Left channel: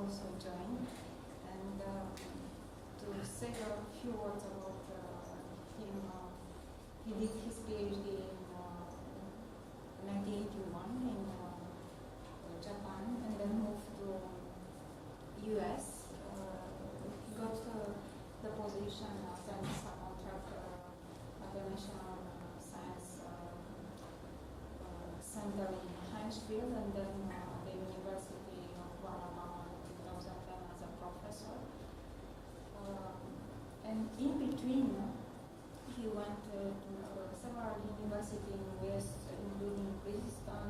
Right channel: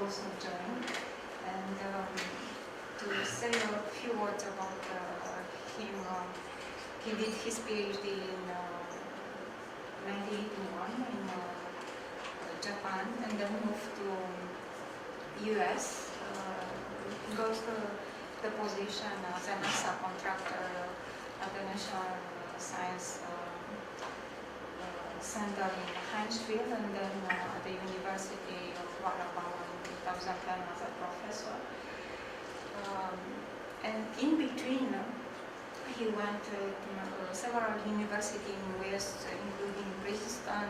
also joined. And to say a few words about him, he did his PhD in 1981 in Japan, and then moved to US, got the position as an NASA contractor at the National Science Center in Huntsville, and then at the University of Alabama in 2010 as a professor. And in between, he went to several universities in the West, including Princeton,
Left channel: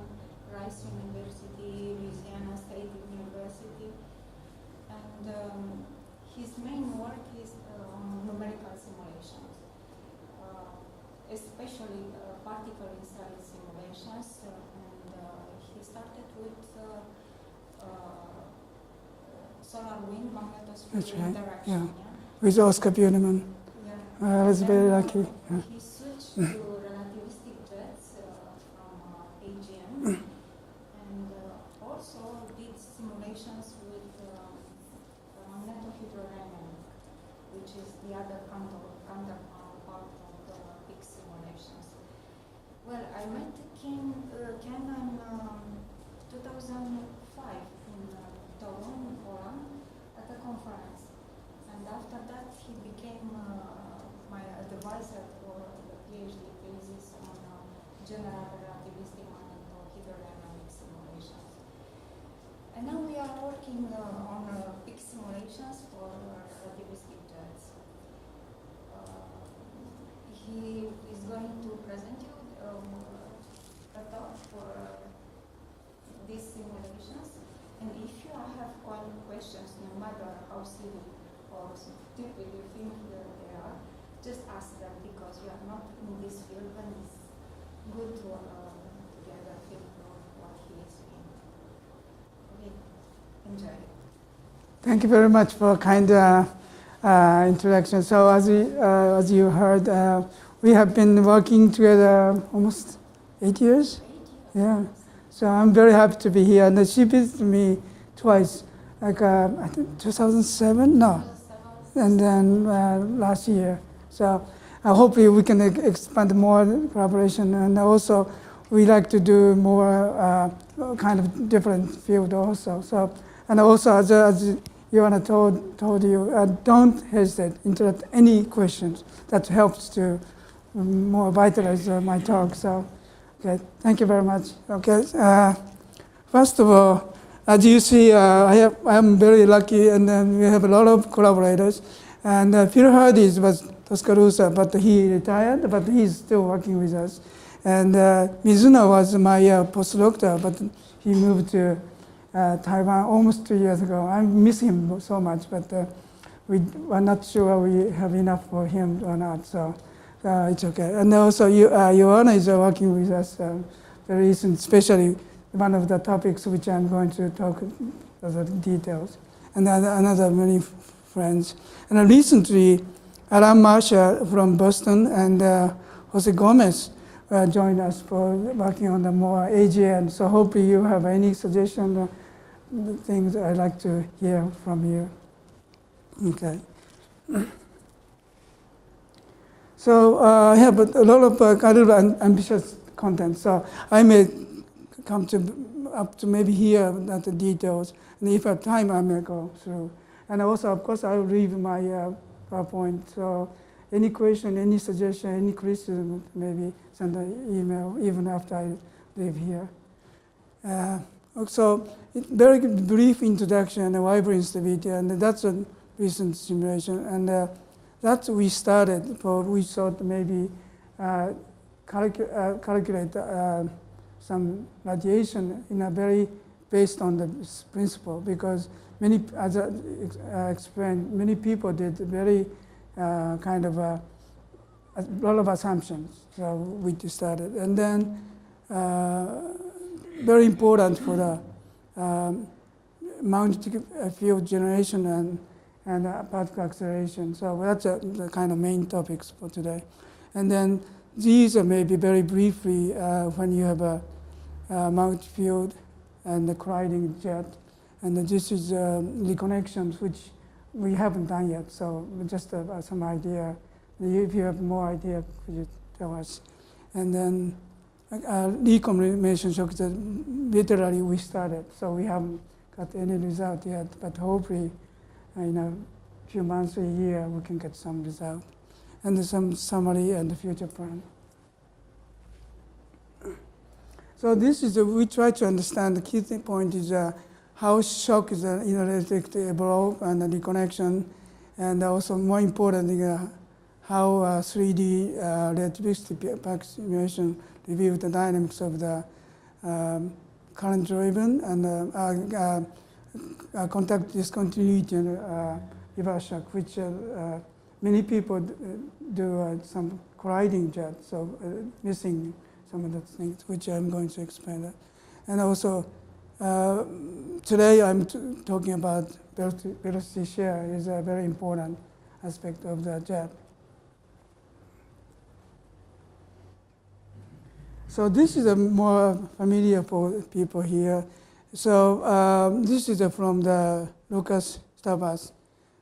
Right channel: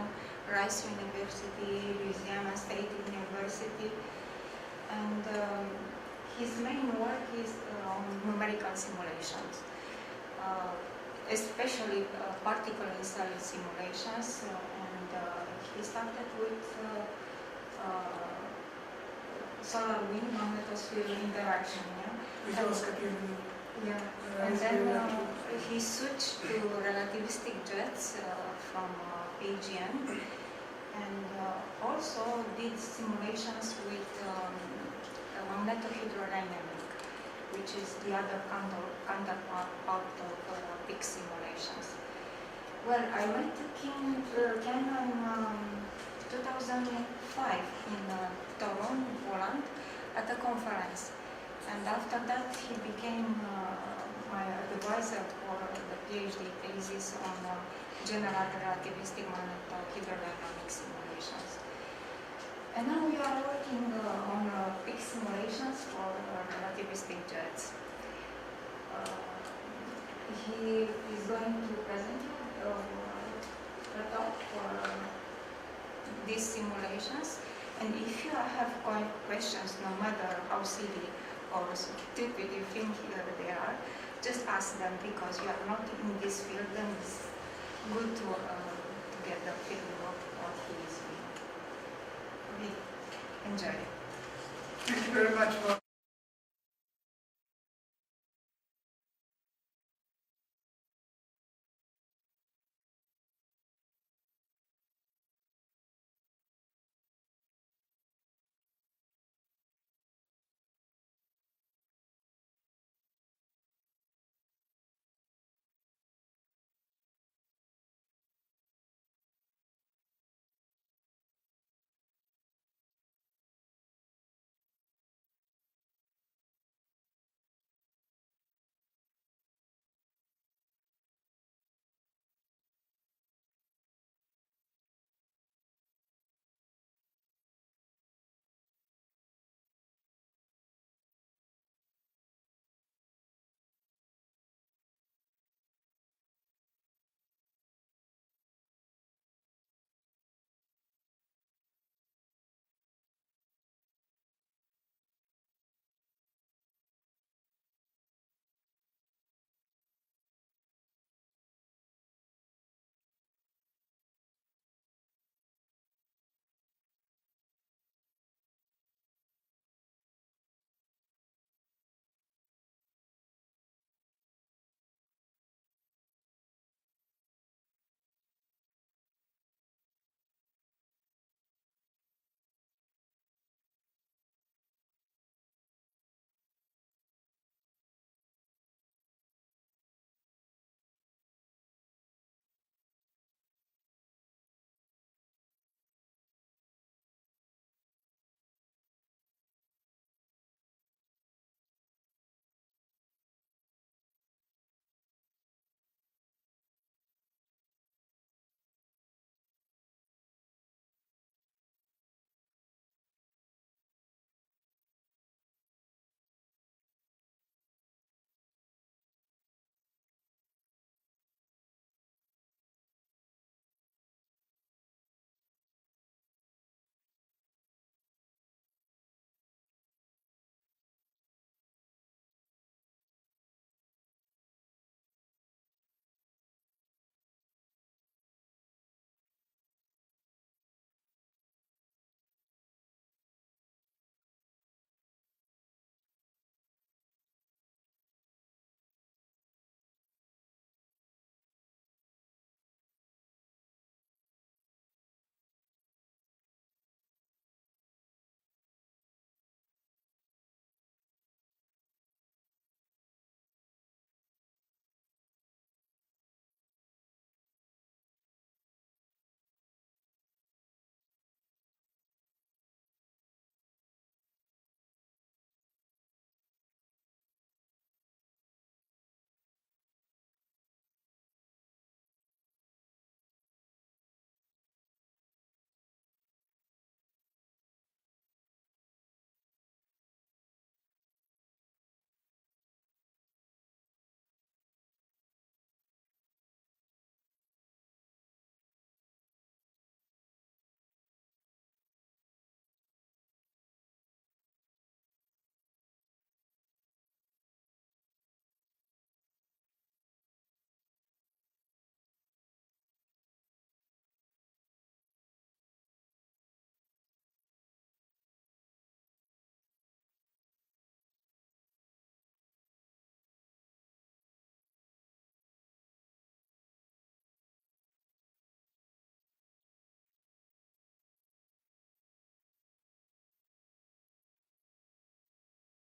Rice University, Louisiana State University, and his main work is on numerical simulations, especially particle installed simulations, and he started with solar wind magnetosphere interaction. Yeah. With Oscar Bierman. Yeah. I was very lucky. He switched to relativistic jets from AGN, and also did simulations with magnetohydrodynamic, which is the other counterpart of big simulations. Well, I went to Ken in 2005 in Toronto, Poland, at a conference. And after that, he became my advisor for the PhD thesis on general relativistic magnetohydrodynamic simulations. And now we are working on big simulations for relativistic jets. He is going to present you a talk for these simulations. And if you have questions, no matter how silly or stupid you think they are, just ask them, because you are not in this field, and it's good to get the feel of what he is doing. Okay, enjoy. Thank you very much for kind introduction. So as you heard, we have been working together almost 8 years. Yeah. So I'm very happy to be here. And she visited me twice, like I think 2007, no, and then last year. So hopefully we can expand more collaboration, and also we like to do more kind of different field also. So, and also as Joanna told you, don't hesitate, interrupt any questions. That helps to more vitalize my talk. So, okay, thank you very much. Okay, first of all, as you see, I am very lucky, and we have a lot of collaborators. And Peter Hardy's was Tuscaloosa, but he retired, but he's still working with us. And Mizuno was my postdoctor, but he moved to Taiwan almost 2 years ago. I miss him so much, but we are not sure we have enough for him or not, so it's okay. And also, Joanna is working with us very recent, especially one of the topics which I'm going to talk about the details, and another many friends. And recently, Alan Marshall from Boston and Jose Gomez joined us for working on the more AGN. So hopefully you have any suggestion, things I'd like to hear from you. Okay. So I have a lot of kind of ambitious content. So I may come up to maybe here at the details, and if I have time, I may go through. And also, of course, I will leave my PowerPoint. So any question, any suggestion, any criticism, maybe send an email even after I leave here. Also, very brief introduction of fiber instability, and that's a recent simulation. And that we started for, we thought maybe calculate some radiation in a very based on this principle, because many, as I explained, many people did very kind of a lot of assumptions. So we started, and then very important for the magnetic field generation and particle acceleration. So that's the kind of main topics for today. And then these are maybe very briefly when you have a magnetic field and the colliding jet. And this is reconnections, which we haven't done yet. So just some idea. If you have more idea, could you tell us? And then recollimation shock, literally we started. So we haven't got any result yet, but hopefully in a few months, a year, we can get some result. And some summary and the future plan. So this is, we try to understand, the key point is how shock is inelastic to evolve and the reconnection, and also more importantly, how 3D relativistic approximation reveals the dynamics of the current-driven and contact discontinuity and reverse shock, which many people do some colliding jet, so missing some of the things, which I'm going to explain that. And also, today I'm talking about velocity shear is a very important aspect of the jet. So this is a more familiar for people here. So this is from the Lucas Starburst.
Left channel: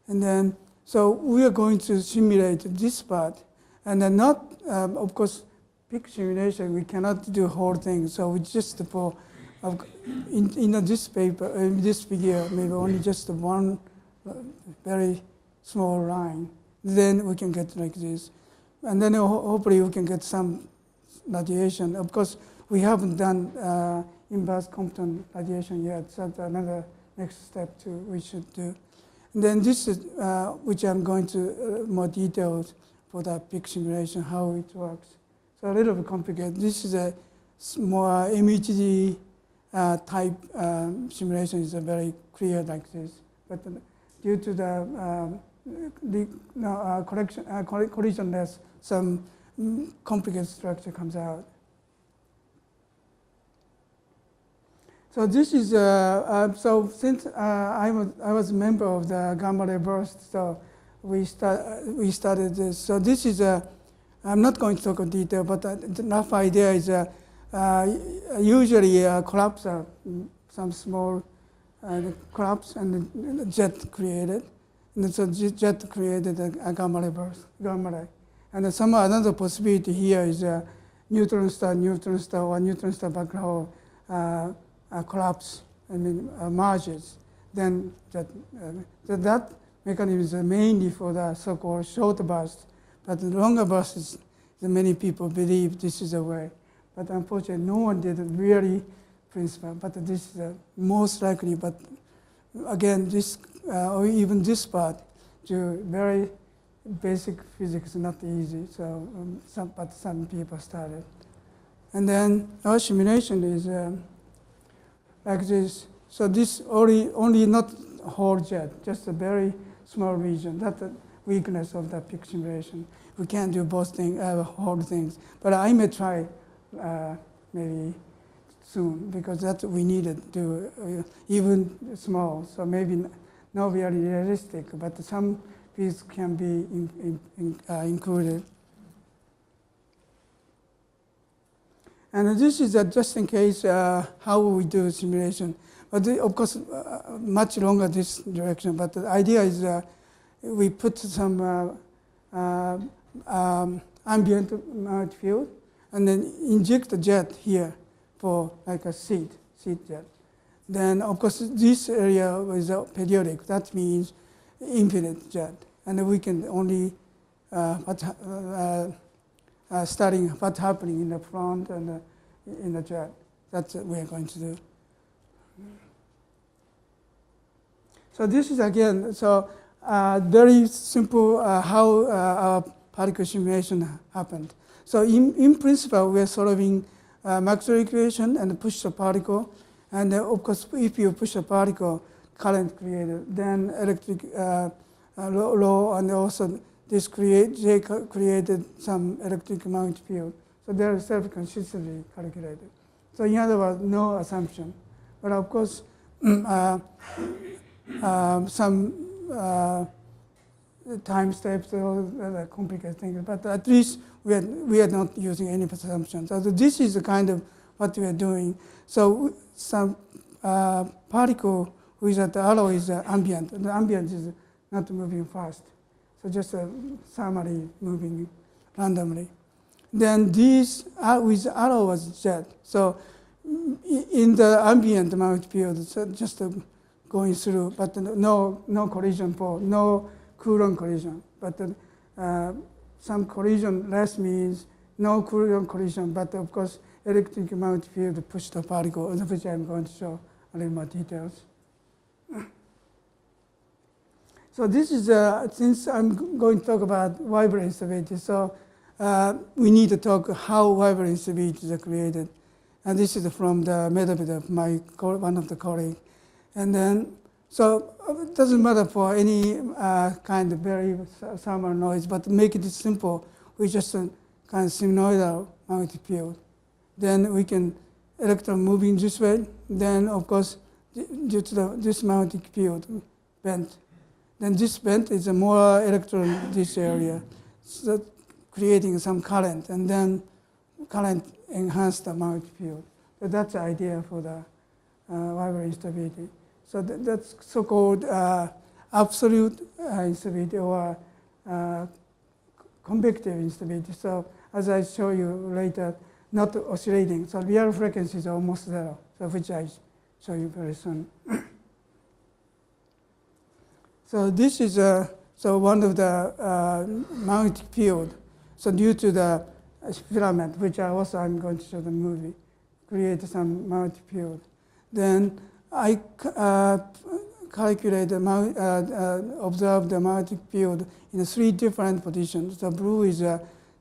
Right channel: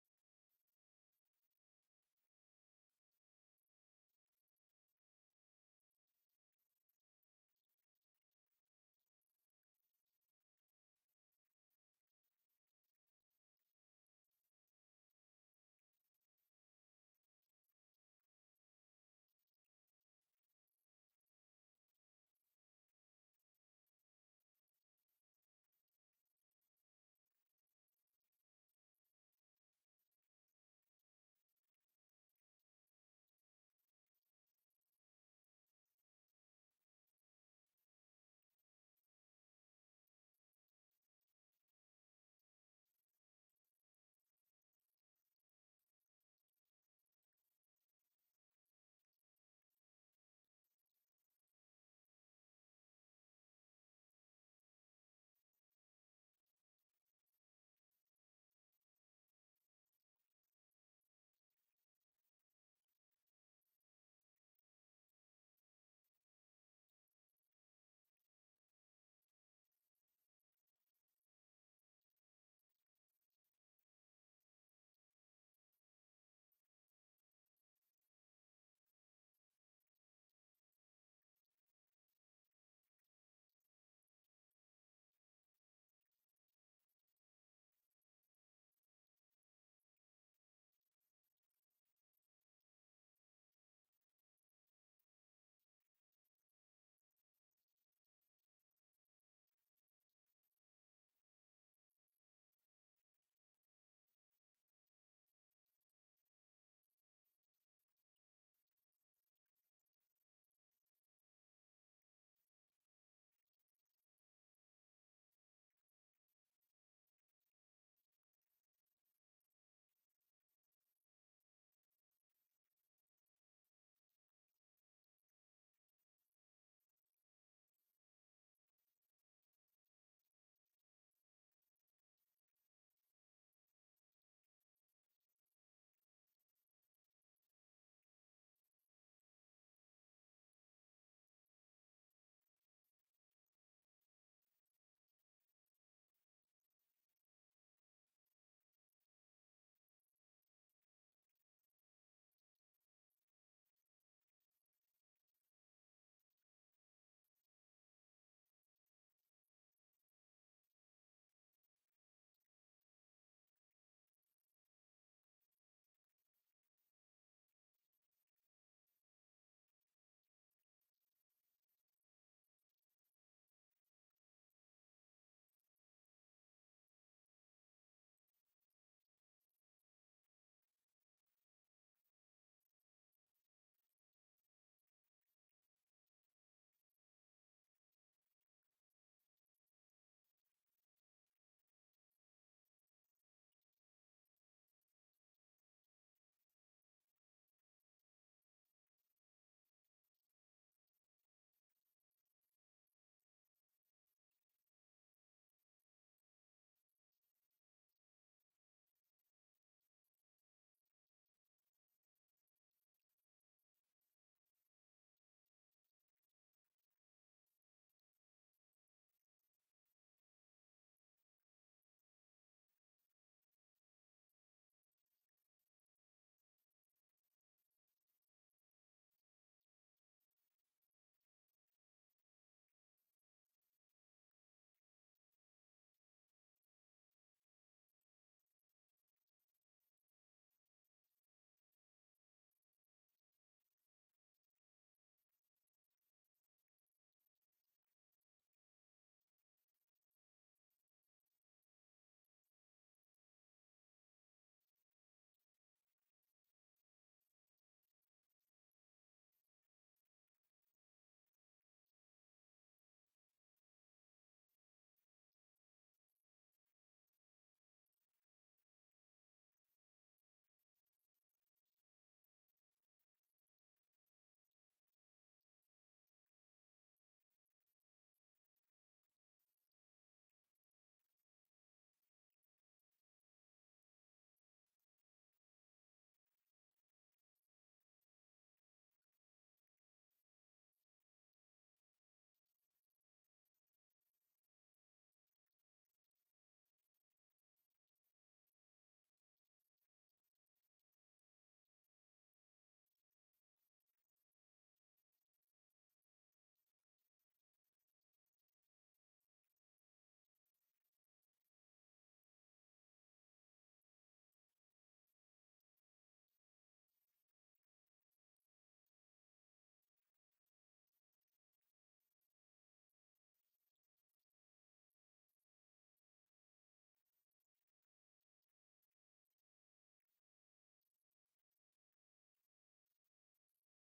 And then, so we are going to simulate this part. And then not, of course, big simulation, we cannot do whole thing. So we just for, in this paper, in this figure, maybe only just one very small line. Then we can get like this. And then hopefully we can get some radiation. Of course, we haven't done inverse Compton radiation yet. So that's another next step we should do. And then this is, which I'm going to more detailed for the big simulation, how it works. So a little bit complicated. This is a more RMHD type simulation is very clear like this. But due to the collisionless, some complicated structure comes out. So this is, so since I was a member of the gamma ray burst, so we started this. So this is I'm not going to talk in detail, but the rough idea is usually collapse, some small collapse and the jet created. And so jet created a gamma ray burst, gamma ray. And another possibility here is neutron star, or neutron star black hole collapse, merges. Then that mechanism is mainly for the so-called short burst. But the longer bursts, many people believe this is a way. But unfortunately, no one did it really principle. But this is most likely. But again, this or even this part, very basic physics is not easy. So, but some people started. And then our simulation is like this. So this only not whole jet, just a very small region. That's the weakness of the peak simulation. We can't do both things, whole things. But I may try maybe soon, because that's what we needed to do, even small. So maybe not very realistic, but some piece can be included. And this is just in case how we do simulation. But of course, much longer this direction. But the idea is we put some ambient magnetic field and then inject the jet here for like a seed jet. Then of course this area is periodic. That means infinite jet. And we can only studying what's happening in the front and in the jet. That's what we are going to do. So this is again, so very simple how our particle simulation happened. So in principle, we are solving Maxwell equation and push the particle. And of course, if you push a particle, current created, then electric law, and also this J created some electric magnetic field. So they are self-consistently calculated. So in other words, no assumption. But of course, some time steps or complicated things. But at least we are not using any assumptions. So this is the kind of what we are doing. So some particle without the arrow is ambient. The ambient is not moving fast. So just thermally moving randomly. Then these with arrow was jet. So in the ambient magnetic field, so just going through, but no collision for, no Coulomb collision. But some collision less means no Coulomb collision, but of course electric magnetic field push the particle, which I'm going to show a little more details. So this is, since I'm going to talk about Weber instability, so we need to talk how Weber instabilities are created. And this is from the method of one of the colleagues. And then, so it doesn't matter for any kind of very thermal noise, but to make it simple, we just kind of sinusoidal magnetic field. Then we can electron moving this way. Then, of course, due to this magnetic field bent. Then this bent is a more electron this area, so creating some current, and then current enhance the magnetic field. So that's the idea for the Weber instability. So that's so-called absolute instability or convective instability. So as I show you later, not oscillating. So real frequency is almost zero, so which I show you very soon. So this is so one of the magnetic field. So due to the filament, which I'm going to show the movie, create some magnetic field. Then I calculate observe the magnetic field in 3 different positions. The blue is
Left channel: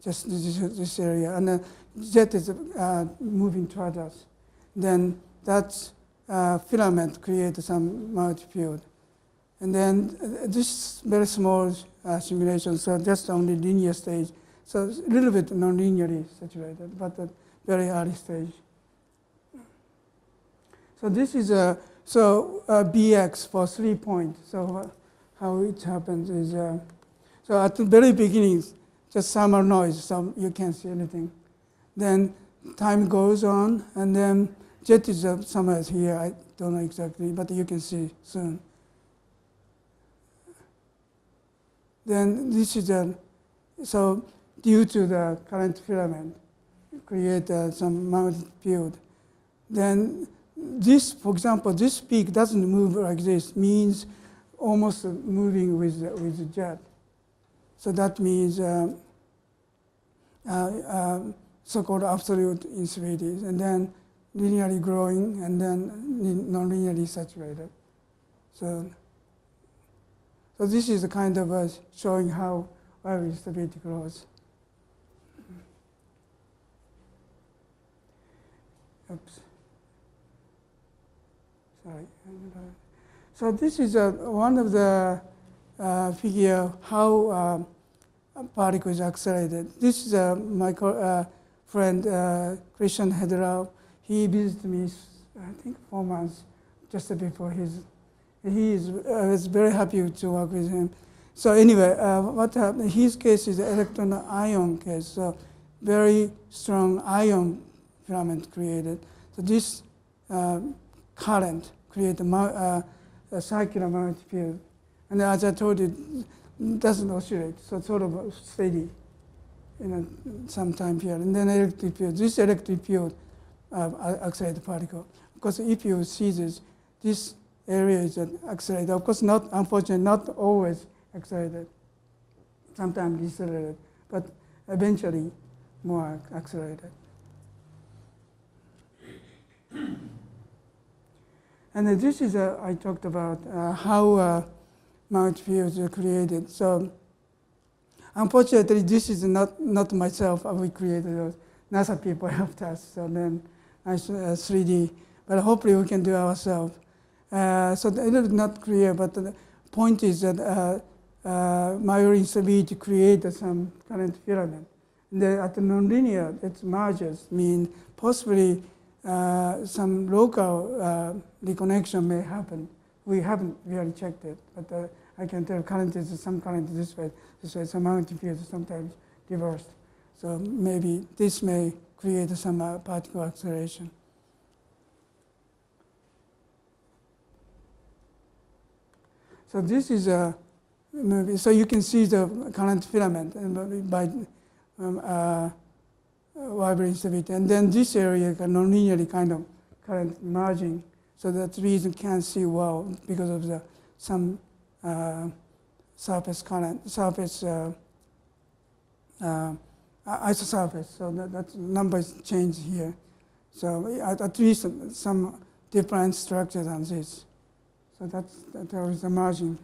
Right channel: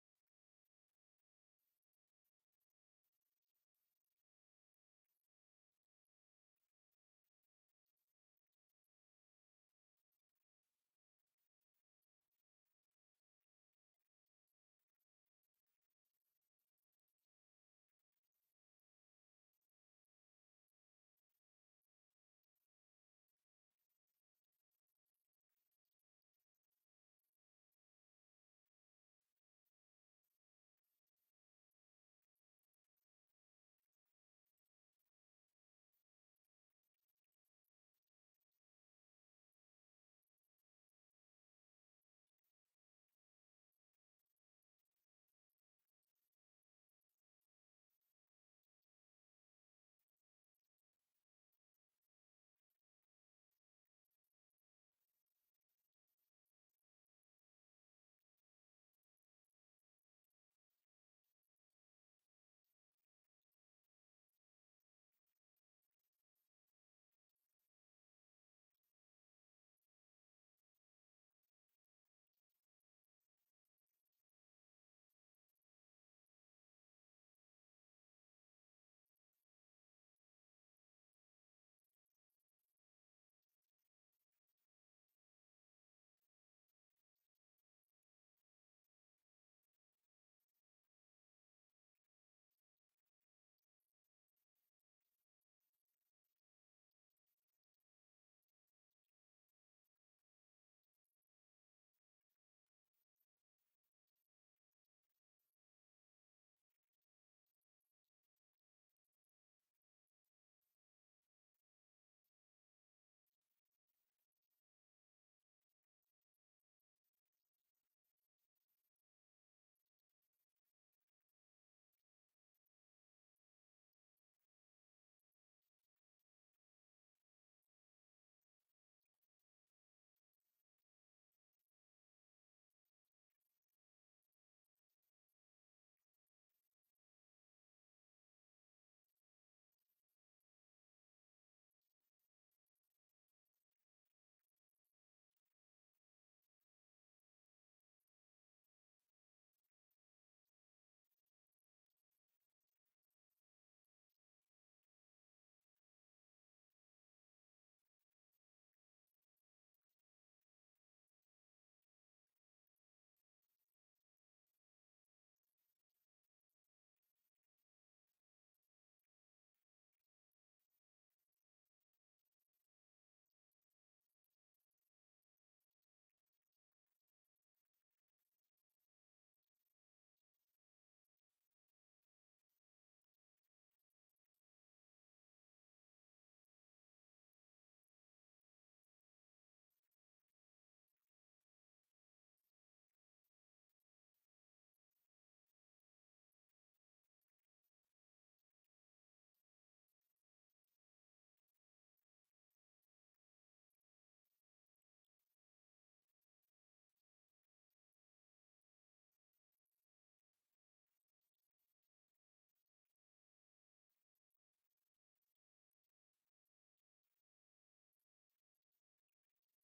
just this area, and the jet is moving toward us. Then that filament creates some magnetic field. And then this very small simulation, so just only linear stage. So it's a little bit non-linearly saturated, but a very early stage. So this is BX for 3 points. So how it happens is, so at the very beginning, just thermal noise, so you can't see anything. Then time goes on, and then jet is somewhere here. I don't know exactly, but you can see soon. Then this is so due to the current filament, create some magnetic field. Then this, for example, this peak doesn't move like this, means almost moving with the jet. So that means so-called absolute instability, and then linearly growing, and then non-linearly saturated. So this is a kind of showing how Weber instability grows. Oops. Sorry. So this is one of the figure how a particle is accelerated. This is my friend Christian Hedrow. He visited me, I think, 4 months just before his. I was very happy to work with him. So anyway, what happened? In his case is the electron-ion case. So very strong ion filament created. So this current creates a circular magnetic field. And as I told you, it doesn't oscillate, so it's sort of steady in some time period. And then electric field. This electric field accelerates the particle. Because if you see this area is accelerated. Of course, not, unfortunately, not always accelerated. Sometimes decelerated, but eventually more accelerated. And this is, I talked about how magnetic fields are created. So unfortunately, this is not myself. We created those. NASA people helped us. So then I 3D, but hopefully we can do it ourselves. So it is not clear, but the point is that Weber instability creates some current filament. And at the nonlinear, its mergers mean possibly some local reconnection may happen. We haven't really checked it, but I can tell current is some current this way, some magnetic field is sometimes reversed. So maybe this may create some particle acceleration. So this is a movie. So you can see the current filament by vibrant instability. And then this area non-linearly kind of current merging. So that's the reason you can't see well because of the some surface current, surface isosurface. So that numbers change here. So at least some different structure than this. So there is a margin.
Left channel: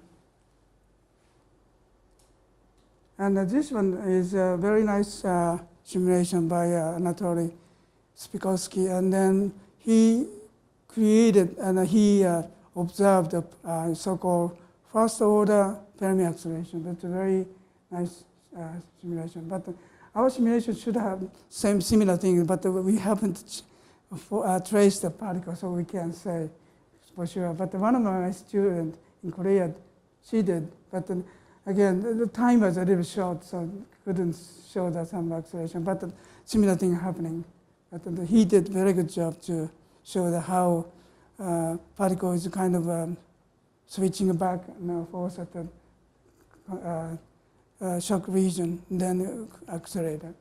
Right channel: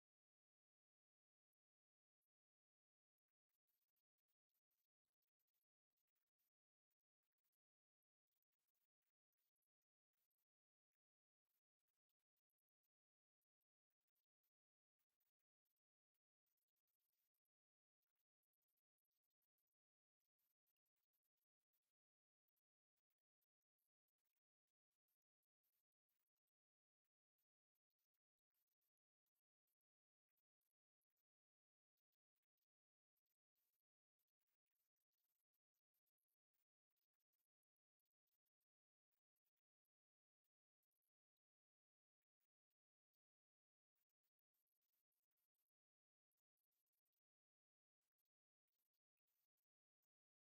And this one is a very nice simulation by Anatoly Spikovsky. And then he created and he observed the so-called first order Fermi acceleration. That's a very nice simulation. But our simulation should have similar thing, but we haven't traced the particle, so we can't say for sure. But one of my students in Korea, she did. But again, the time was a little short, so couldn't show that some acceleration. But similar thing happening. But he did very good job to show that how particle is kind of switching back force at the shock region, then accelerated.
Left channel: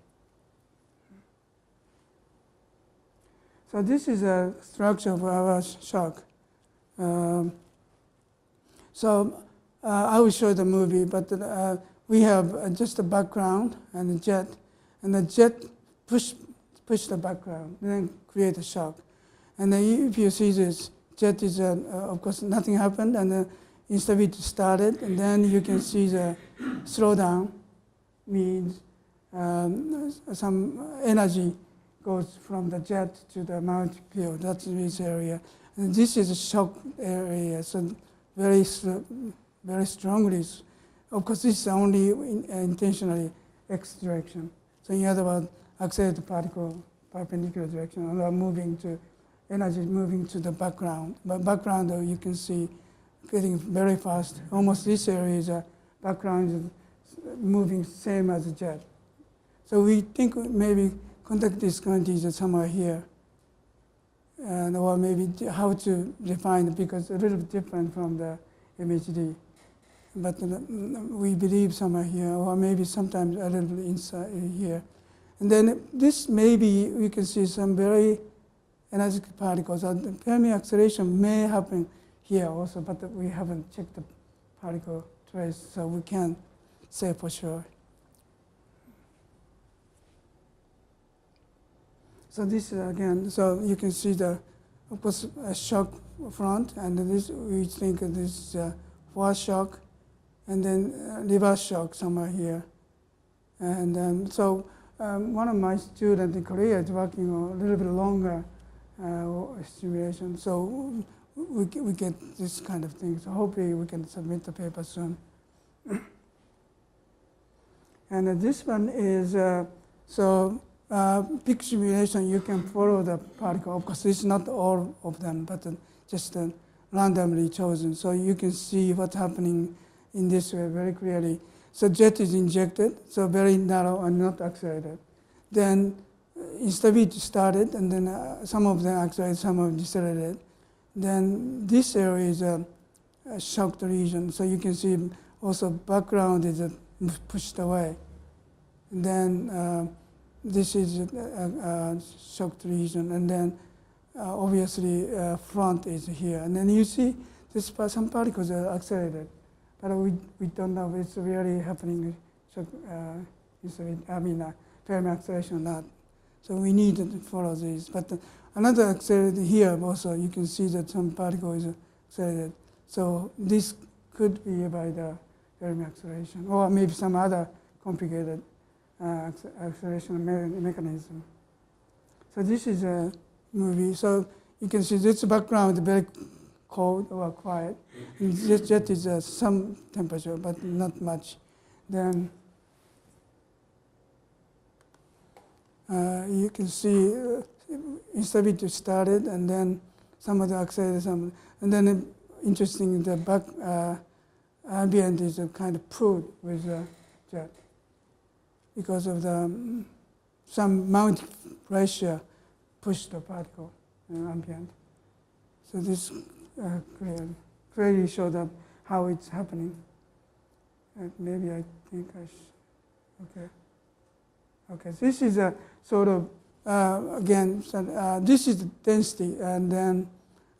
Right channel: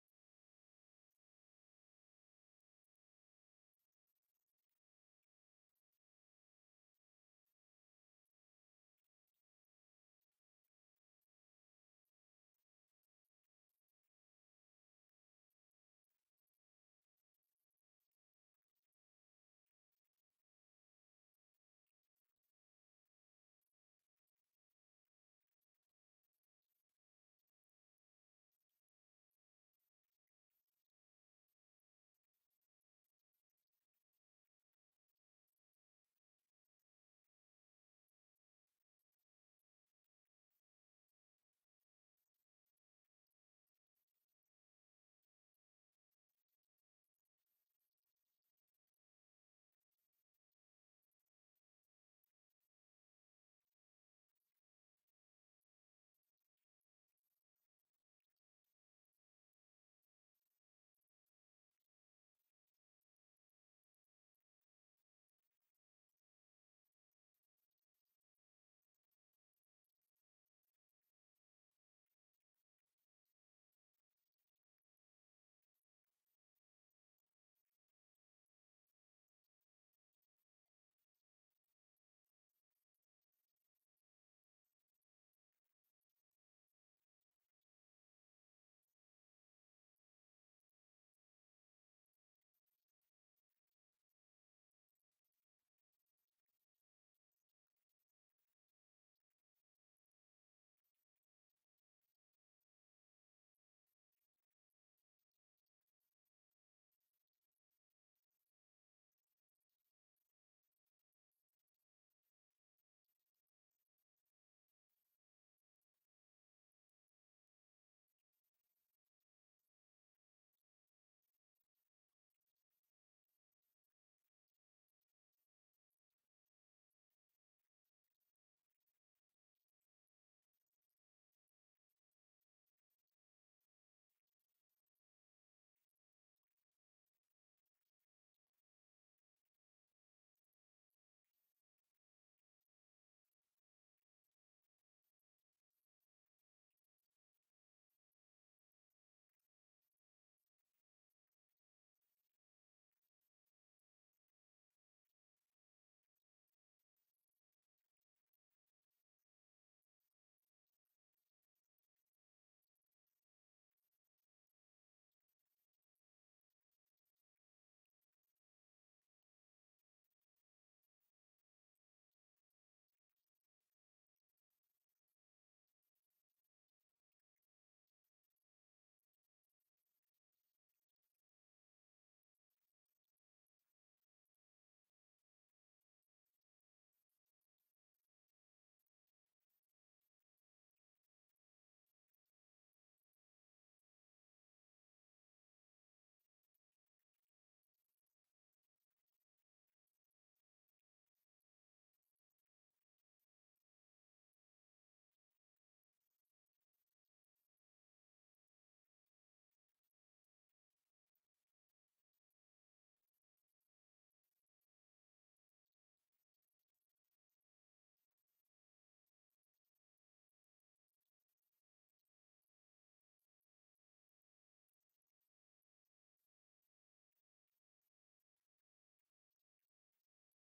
So this is a structure of our shock. So I will show the movie, but we have just a background and a jet, and the jet push the background, then create a shock. And then if you see this jet is, of course, nothing happened, and the instability started, and then you can see the slowdown means some energy goes from the jet to the magnetic field. That's this area. And this is a shock area, so very strongly. Of course, this is only intentionally x direction. So in other words, accelerated particle perpendicular direction, and moving to energy moving to the background. But background, though, you can see getting very fast. Almost this area is a background is moving same as a jet. So we think maybe contact discontinuity is somewhere here, and or maybe how to define it, because a little bit different from the RMHD. But we believe somewhere here, or maybe sometimes a little bit inside here. And then this maybe we can see some very energetic particles. The Fermi acceleration may happen here also, but we haven't checked the particle trace, so we can't say for sure. So this is again, so you can see the, of course, a shock front, and this we think this is forward shock, and then reverse shock somewhere here. And so one of my students in Korea is working on a little bit longer simulation, so we get this kind of thing. So hopefully we can submit the paper soon. And this one is, peak simulation, you can follow the particle. Of course, it's not all of them, but just randomly chosen. So you can see what's happening in this way very clearly. So jet is injected, so very narrow and not accelerated. Then instability started, and then some of them accelerated, some of them decelerated. Then this area is a shocked region. So you can see also background is pushed away. And then this is a shocked region, and then obviously front is here. And then you see this some particles are accelerated, but we don't know if it's really happening. Fermi acceleration or not. So we need to follow these. But another accelerated here also, you can see that some particle is accelerated. So this could be by the Fermi acceleration, or maybe some other complicated acceleration mechanism. So this is a movie. So you can see this background is very cold or quiet. And this jet is some temperature, but not much. Then you can see instability started, and then some of the accelerated, and then interesting, the back ambient is kind of pulled with the jet because of the some magnetic pressure pushed the particle in ambient. So this clearly showed up how it's happening. Maybe I think I should, okay. Okay, so this is a sort of, again, so, this is the density, and then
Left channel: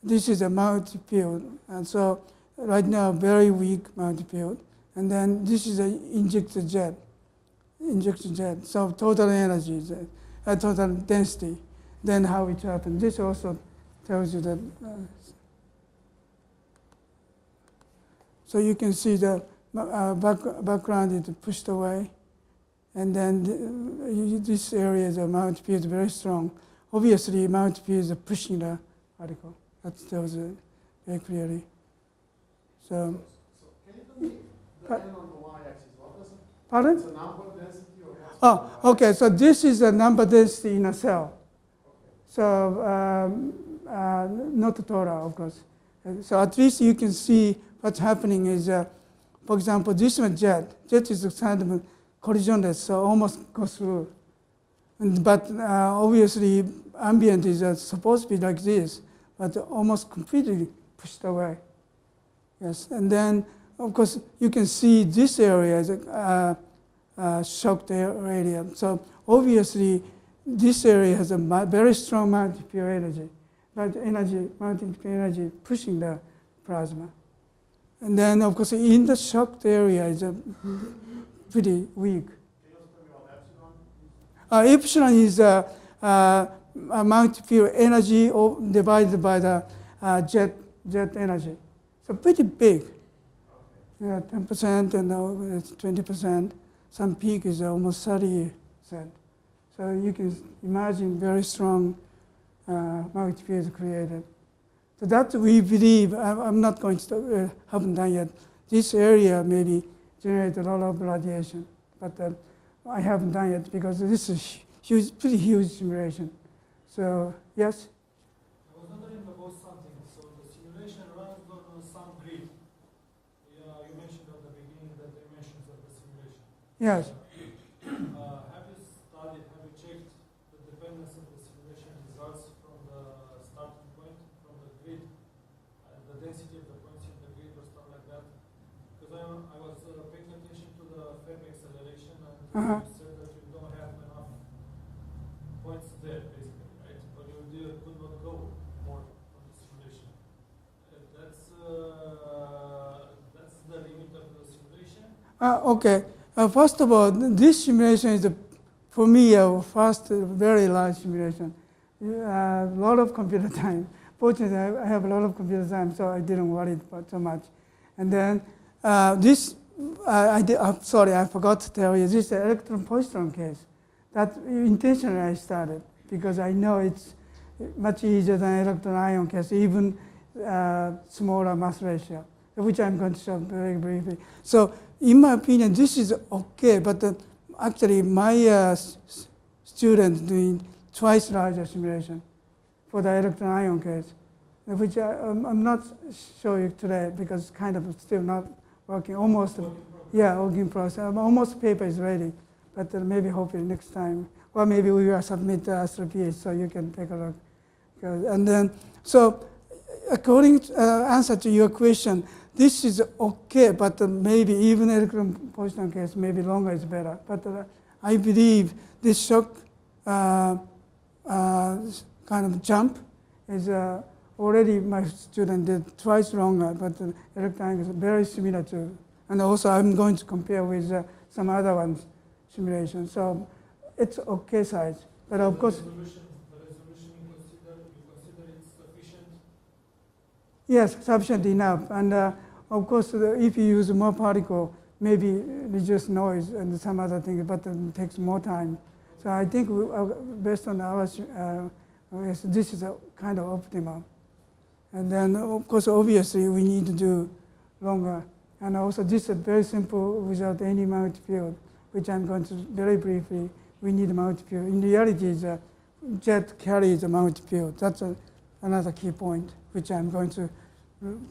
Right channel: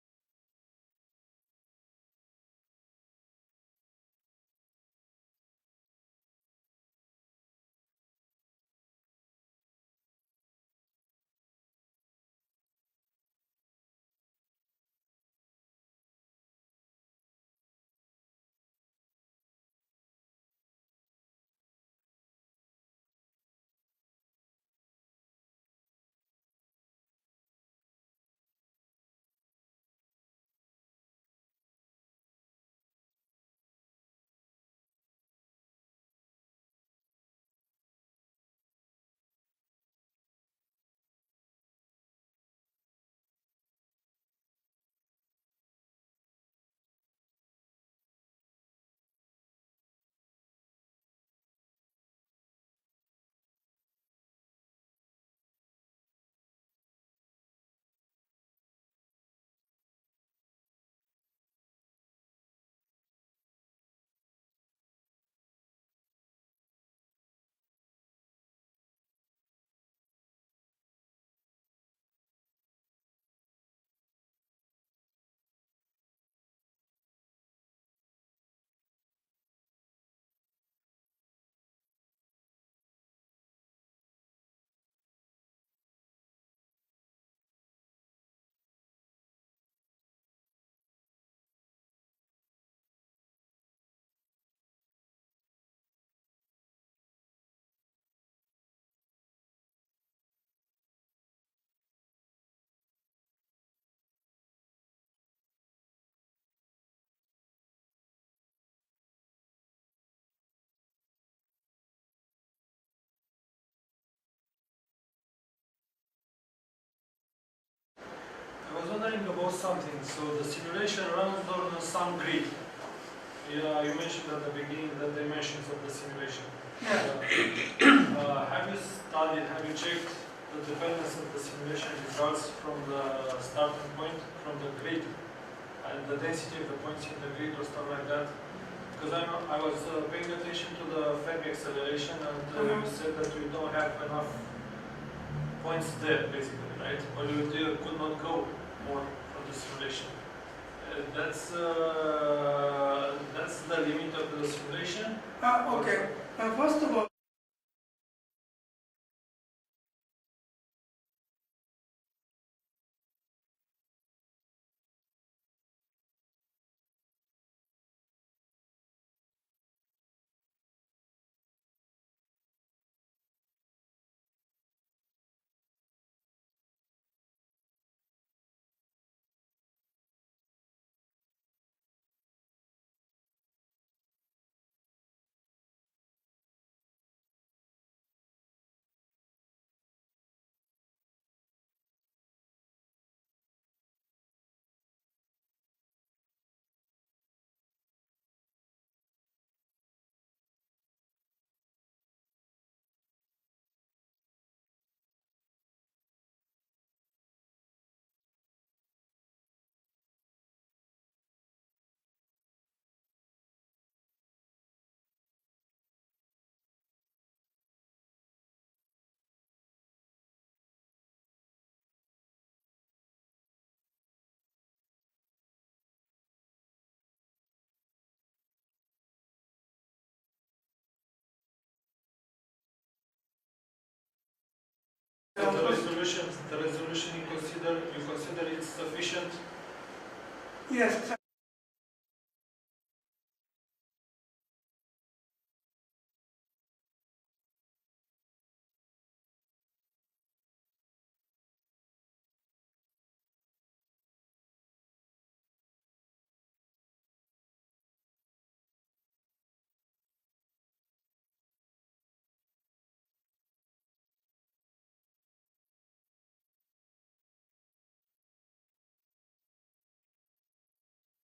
this is a multi-field. And so right now, very weak multi-field. And then this is an injected jet. So total energy, total density, then how it happens. This also tells you that. So you can see the background is pushed away. And then this area is a multi-field very strong. Obviously, multi-field is pushing the particle. That tells it very clearly. So can you tell me the n on the y-axis? What is it? Pardon? It's a number density or what's Oh, okay. So this is a number density in a cell. Okay. So not total, of course. So at least you can see what's happening is, for example, this one jet. Jet is kind of collisionless, so almost goes through. But obviously, ambient is supposed to be like this, but almost completely pushed away. Yes, and then of course you can see this area is a shocked area. So obviously, this area has a very strong multiplier energy, multiplier energy pushing the plasma. And then of course in the shocked area is a pretty weak. Epsilon is a multiplier energy divided by the jet energy. So pretty big. Yeah, 10% and it's 20%. Some peak is almost 30%. So you can imagine very strong multipliers created. So that we believe, I'm not going to, haven't done yet. This area maybe generate a lot of radiation, but I haven't done yet because this is huge, pretty huge simulation. So yes? I was wondering about something. So the simulation runs on some grid. Yeah, you mentioned at the beginning the dimensions of the simulation. Yes. Have you checked the dependence of the simulation results from the starting point, from the grid, and the density of the points in the grid or stuff like that? Because I was paying attention to the Fermi acceleration, and you said that you don't have enough points there, basically, right? Or you could not go more from the simulation. That's the limit of the simulation. Okay. First of all, this simulation is, for me, a first very large simulation. A lot of computer time. Fortunately, I have a lot of computer time, so I didn't worry about so much. And then this, I'm sorry, I forgot to tell you, this is the electron-positron case. That intentionally I started because I know it's much easier than electron-ion case, even smaller mass ratio, which I'm going to show very briefly. So in my opinion, this is okay, but actually my student doing twice larger simulation for the electron-ion case, which I'm not showing today because it's kind of still not working, almost, yeah, working process. Almost paper is ready, but maybe hopefully next time, or maybe we will submit the Astro PH so you can take a look. And then, so according to answer to your question, this is okay, but maybe even electron-positron case, maybe longer is better. But I believe this shock kind of jump is already my student did twice longer, but the electron is very similar to, and also I'm going to compare with some other ones simulation. So it's okay size. But And of course, the resolution you consider it sufficient? yes, sufficient enough. And of course, if you use more particle, maybe reduce noise and some other things, but it takes more time. So I think based on our, this is a kind of optimal. And then, of course, obviously, we need to do longer. And also, this is very simple without any multi-field, which I'm going to very briefly. We need a multi-field. In reality, the jet carries a multi-field. That's another key point, which I'm going to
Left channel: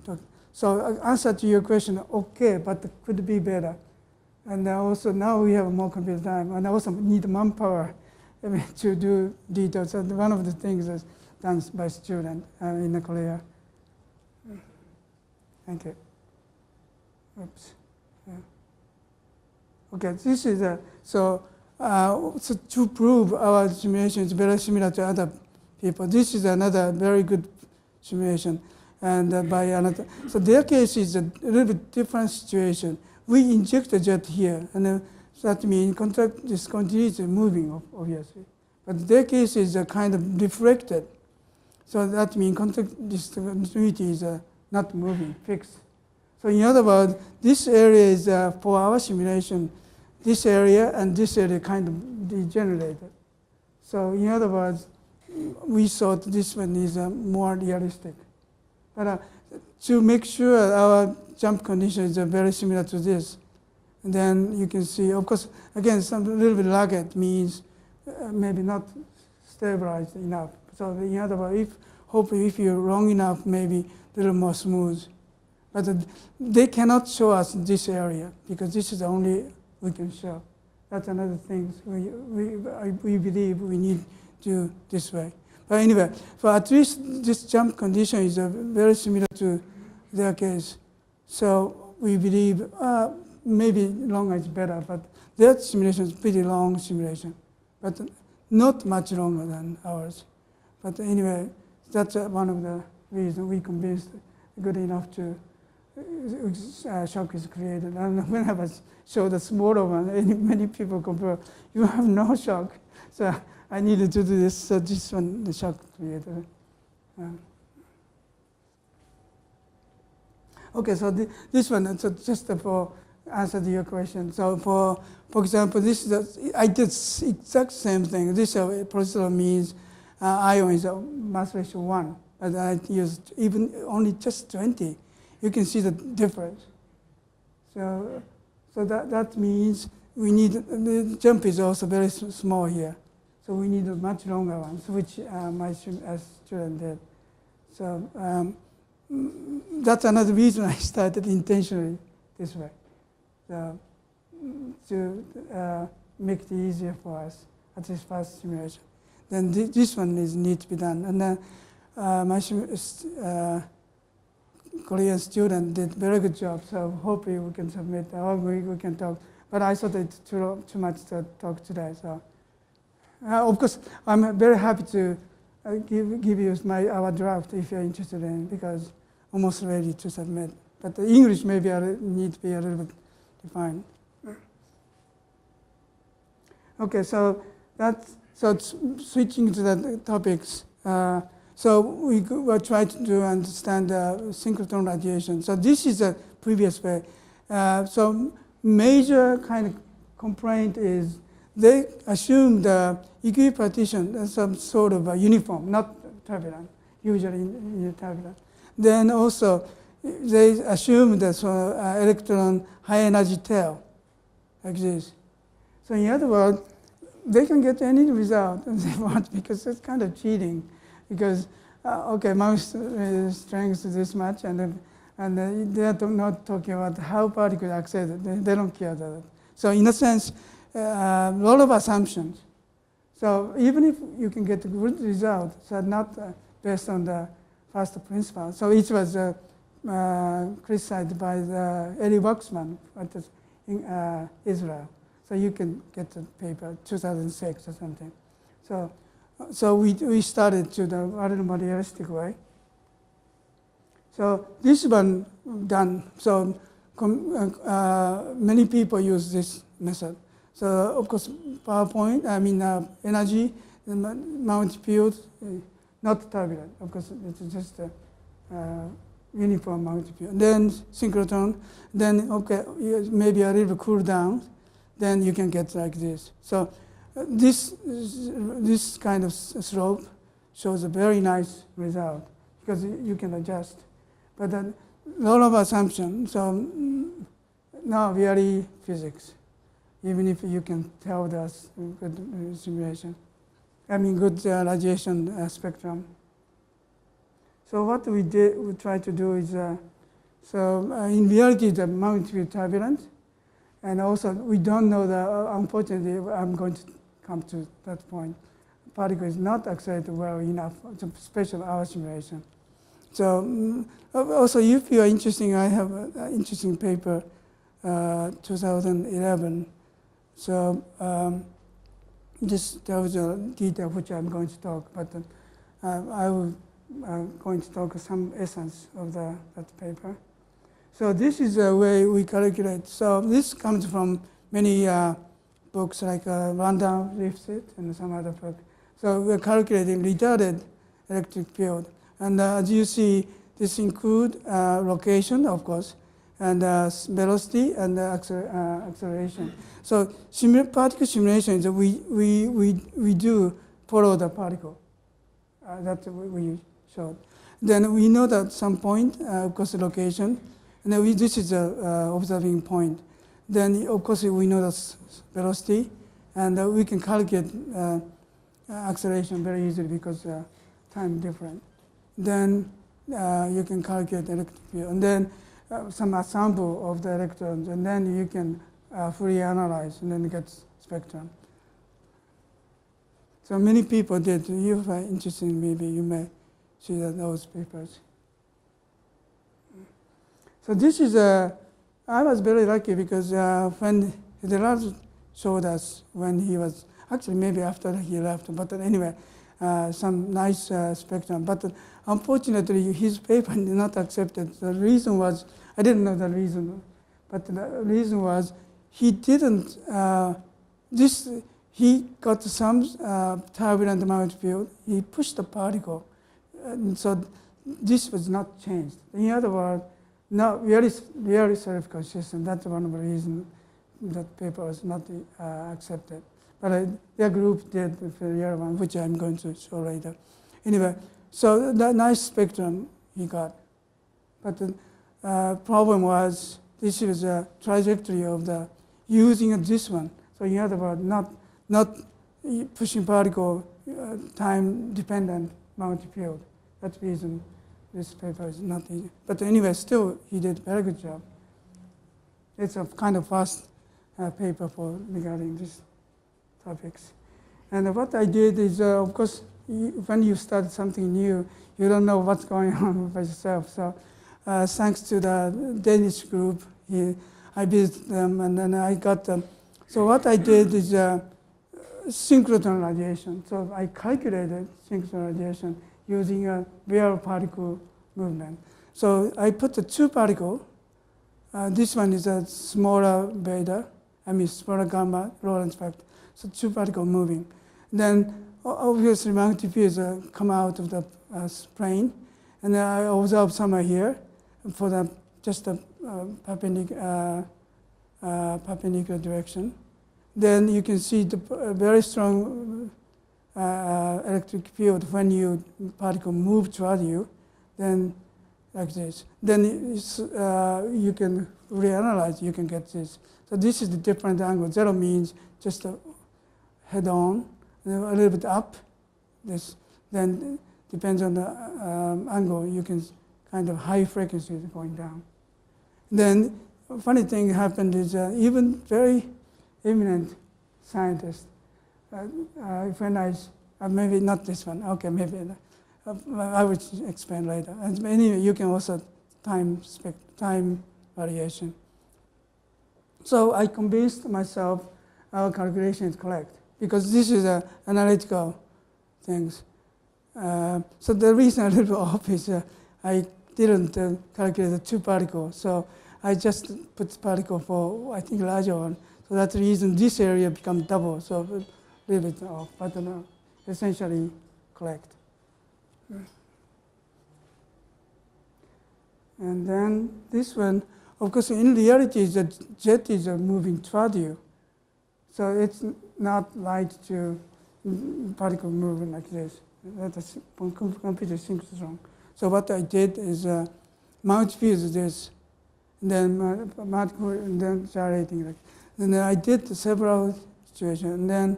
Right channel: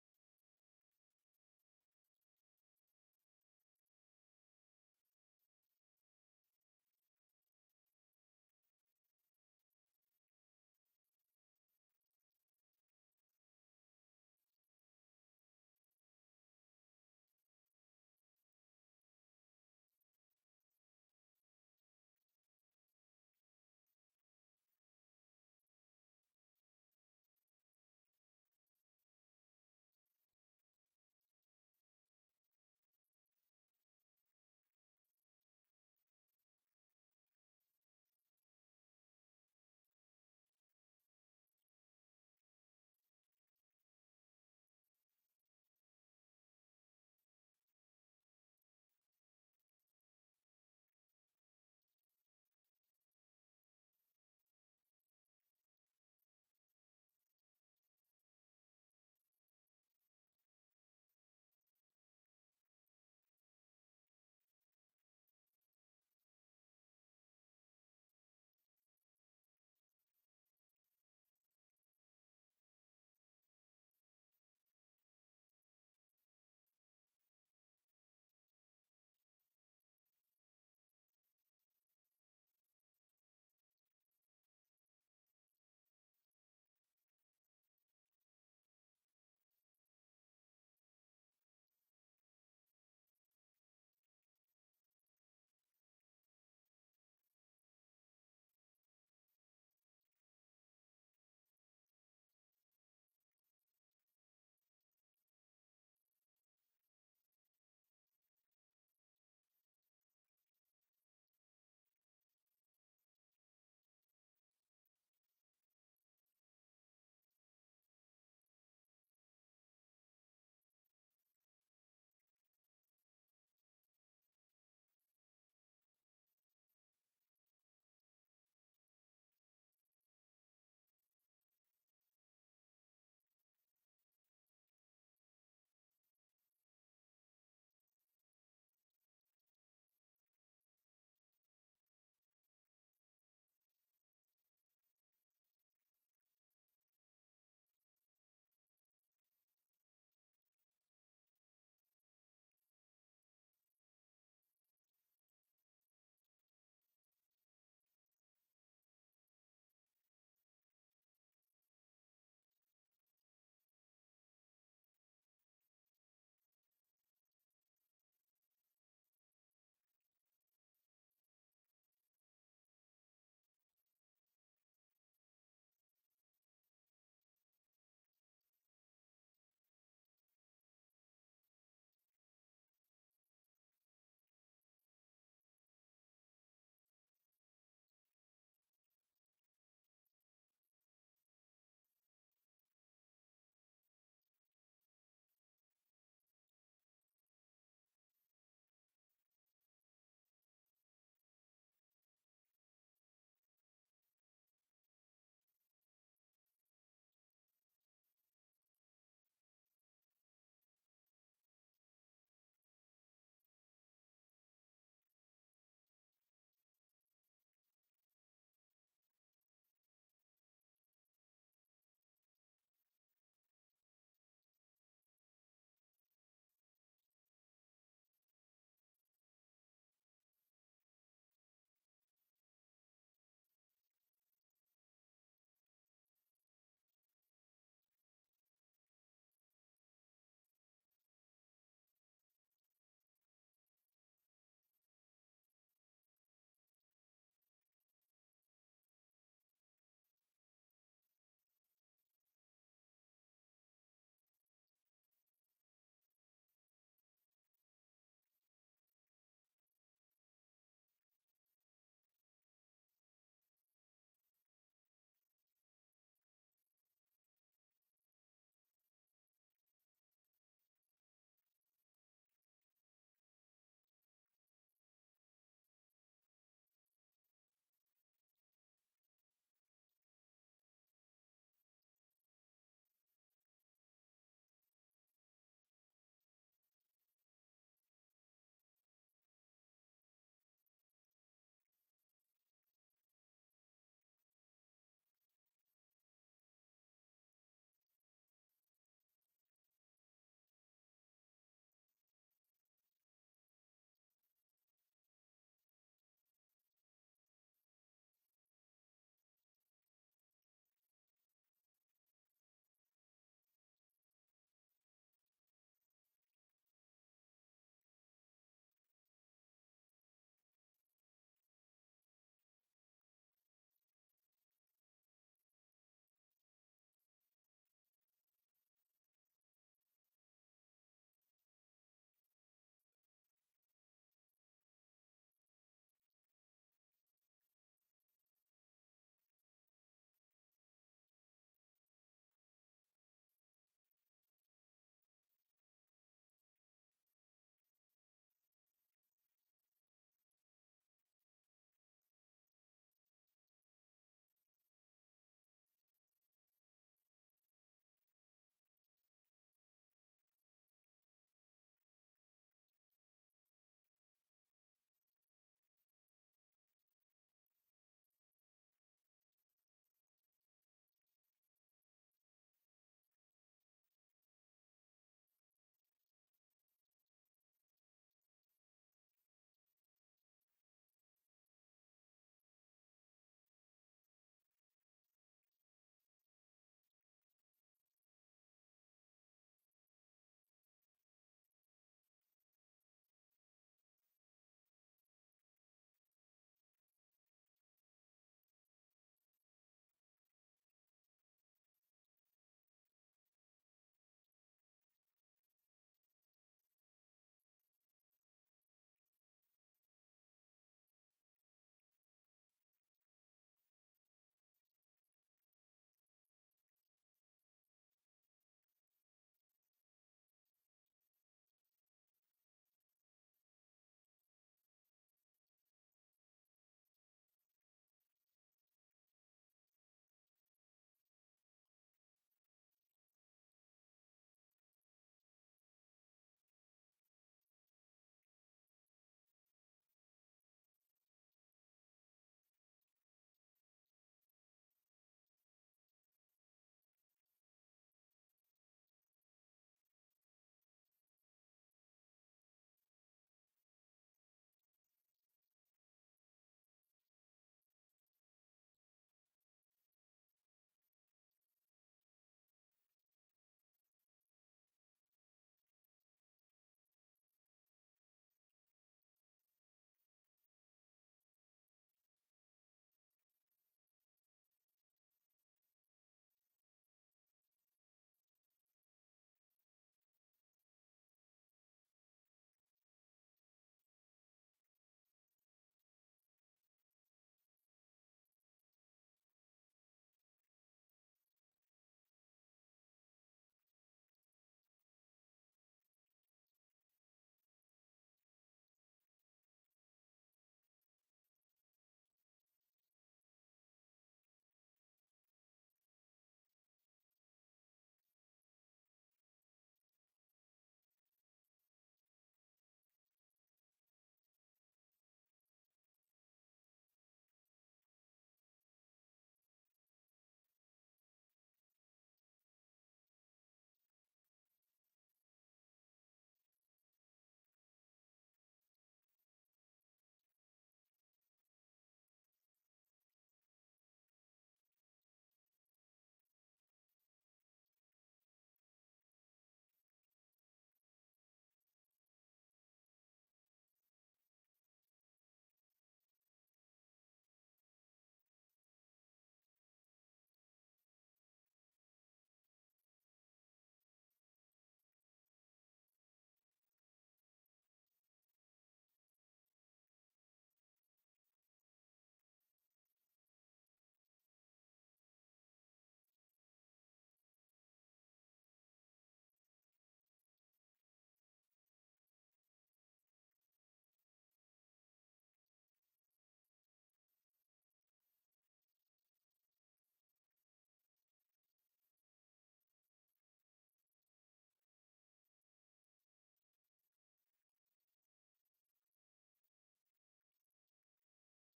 talk. So answer to your question, okay, but it could be better. And also now we have more computer time, and also need manpower to do details. And one of the things is done by student in Korea. Thank you. Oops. Yeah. Okay, this is so to prove our simulation is very similar to other people. This is another very good simulation, and by another. So their case is a little bit different situation. We inject a jet here, and so that means this continuity is moving, obviously. But their case is kind of deflected. So that means continuity is not moving, fixed. So in other words, this area is for our simulation, this area and this area kind of degenerated. So in other words, we thought this one is more realistic. But to make sure our jump condition is very similar to this, and then you can see, of course, again, some little bit lagged means maybe not stabilized enough. So in other words, hopefully if you're long enough, maybe a little more smooth. But they cannot show us this area because this is the only we can show. That's another thing we believe we need to do this way. But anyway, so at least this jump condition is very similar to their case. So we believe maybe longer is better, but their simulation is pretty long simulation, but not much longer than ours. But anyway, that's one of the reasons we convinced good enough to shock is created. And whenever I show the smaller one, many people compare, you have no shock. So I needed to do this, so this one, the shock created. Okay, so this one, so just for answer to your question. So for example, this is I did exact same thing. This procedure means ion is a mass ratio 1, but I used even only just 20. You can see the difference. So that means we need, the jump is also very small here. So we need a much longer one, which my student did. So that's another reason I started intentionally this way. So to make it easier for us at this first simulation. Then this one needs to be done. And then my Korean student did very good job. So hopefully we can submit, or we can talk. But I thought it's too much to talk today. So of course, I'm very happy to give you our draft if you're interested in, because almost ready to submit. But the English maybe need to be a little bit defined. Okay, so switching to the topics. So we will try to understand synchrotron radiation. So this is a previous way. So major kind of complaint is they assume the equipartition as some sort of a uniform, not turbulent, usually in turbulent. Then also they assume that electron high energy tail like this. So in other words, they can get any result they want because it's kind of cheating. Because okay, mouse strength is this much, and they are not talking about how particles accelerate. They don't care about that. So in a sense, a lot of assumptions. So even if you can get a good result, so not based on the first principle. So it was criticized by the Eli Waxman in Israel. So you can get the paper 2006 or something. So we started to the relativistic way. So this one done. So many people use this method. So of course, PowerPoint, energy, Mount field, not turbulent. Of course, it's just a uniform Mount field. Then synchrotron, then okay, maybe a little cool down, then you can get like this. So this kind of slope shows a very nice result because you can adjust. But a lot of assumptions. So now really physics, even if you can tell us good simulation. Good radiation spectrum. So what we try to do is, in reality, the Mount will be turbulent. And also, we don't know unfortunately, I'm going to come to that point. Particle is not accelerated well enough, especially our simulation. So Also, if you are interested, I have an interesting paper, 2011. So this tells you detail which I'm going to talk, but I will going to talk some essence of that paper. So this is the way we calculate. So this comes from many books like Random Lifted and some other book. So we're calculating retarded electric field. And as you see, this include location, of course, and velocity and acceleration. So particle simulation is we do follow the particle. That we showed. Then we know that some point, of course, the location, and then this is the observing point. Then, of course, we know the velocity, and we can calculate acceleration very easily because time different. Then you can calculate electric field, and then some sample of the electrons, and then you can fully analyze, and then get spectrum. So many people did. If you are interested, maybe you may see those papers. So this is I was very lucky because when Lorentz showed us when he was, actually maybe after he left, but anyway, some nice spectrum. But unfortunately, his paper did not accepted. The reason was, I didn't know the reason, but the reason was he didn't, he got some turbulent magnetic field. He pushed the particle, and so this was not changed. In other words, not really self-consistent. That's one of the reasons that paper was not accepted. But their group did the real one, which I'm going to show later. Anyway, so that nice spectrum he got. But the problem was this was a trajectory of the using this one. So in other words, not pushing particle time-dependent magnetic field. That's the reason this paper is not easy. But anyway, still he did a very good job. It's a kind of fast paper for regarding these topics. And what I did is, of course, when you start something new, you don't know what's going on by yourself. So thanks to the Danish group, I visited them, and then I got them. So what I did is synchrotron radiation. So I calculated synchrotron radiation using a real particle movement. So I put the two particle. This one is a smaller beta, smaller gamma, Lorentz factor. So two particle moving. Then obviously magnetic fields come out of the plane, and then I observe somewhere here for the just the perpendicular direction. Then you can see the very strong electric field when you particle move toward you, then like this. Then you can reanalyze, you can get this. So this is the different angle. Zero means just head on, a little bit up. This then depends on the angle. You can kind of high frequencies going down. Then funny thing happened is even very eminent scientists. When maybe not this one. Okay, maybe I will explain later. And anyway, you can also time variation. So I convinced myself our calculation is correct because this is analytical things. So the reason a little off is I didn't calculate the two particles. So I just put particle for, I think, larger one. So that's the reason this area becomes double. So a little bit off, but essentially correct. And then this one, of course, in reality, the jet is moving toward you. So it's not light to particle moving like this. That's completely synchrotron. So what I did is magnetic field is this, and then and then gyrating. And then I did several situations, and then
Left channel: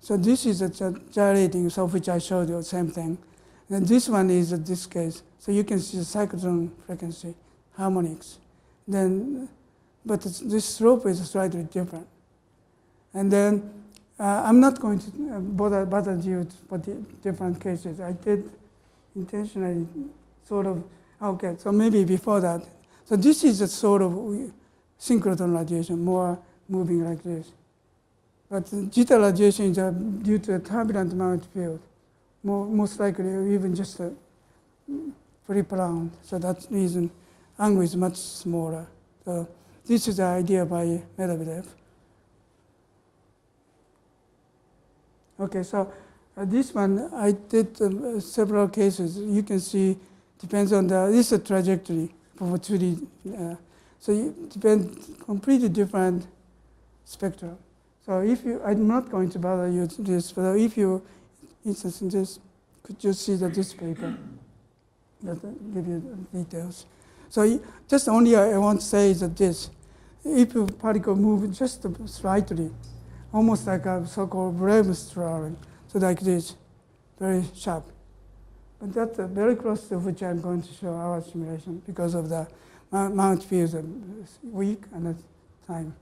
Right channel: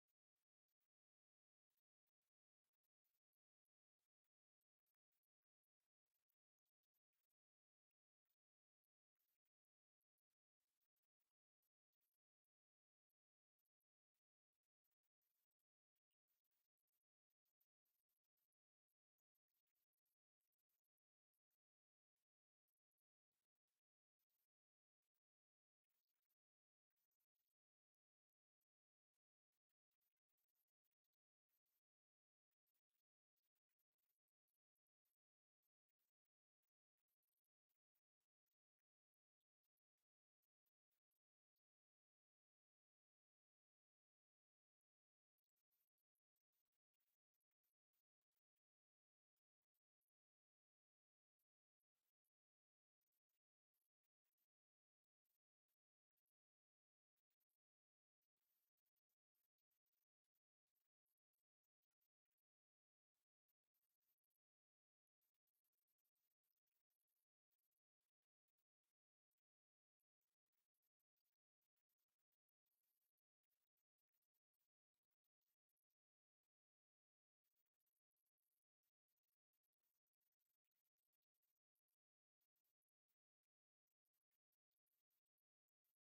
so this is a gyrating, so which I showed you, same thing. And this one is this case. So you can see the cyclotron frequency, harmonics. Then, but this slope is slightly different. And then I'm not going to bother you for the different cases. I did intentionally sort of Okay, so maybe before that. So this is a sort of synchrotron radiation, more moving like this. But zeta radiation is due to a turbulent magnetic field. Most likely even just a pre-prolonged. So that's the reason angle is much smaller. So this is the idea by Medvedev. Okay, so this one I did several cases. You can see depends on this is a trajectory for 2D. So it depends completely different spectrum. So if you, I'm not going to bother you with this, but if you, instance, just could just see this paper that give you the details. So just only I want to say is that this, if a particle moves just slightly, almost like a so-called brainstorming, so like this, very sharp. But that's very close to which I'm going to show our simulation because of the magnetic fields are weak and the time.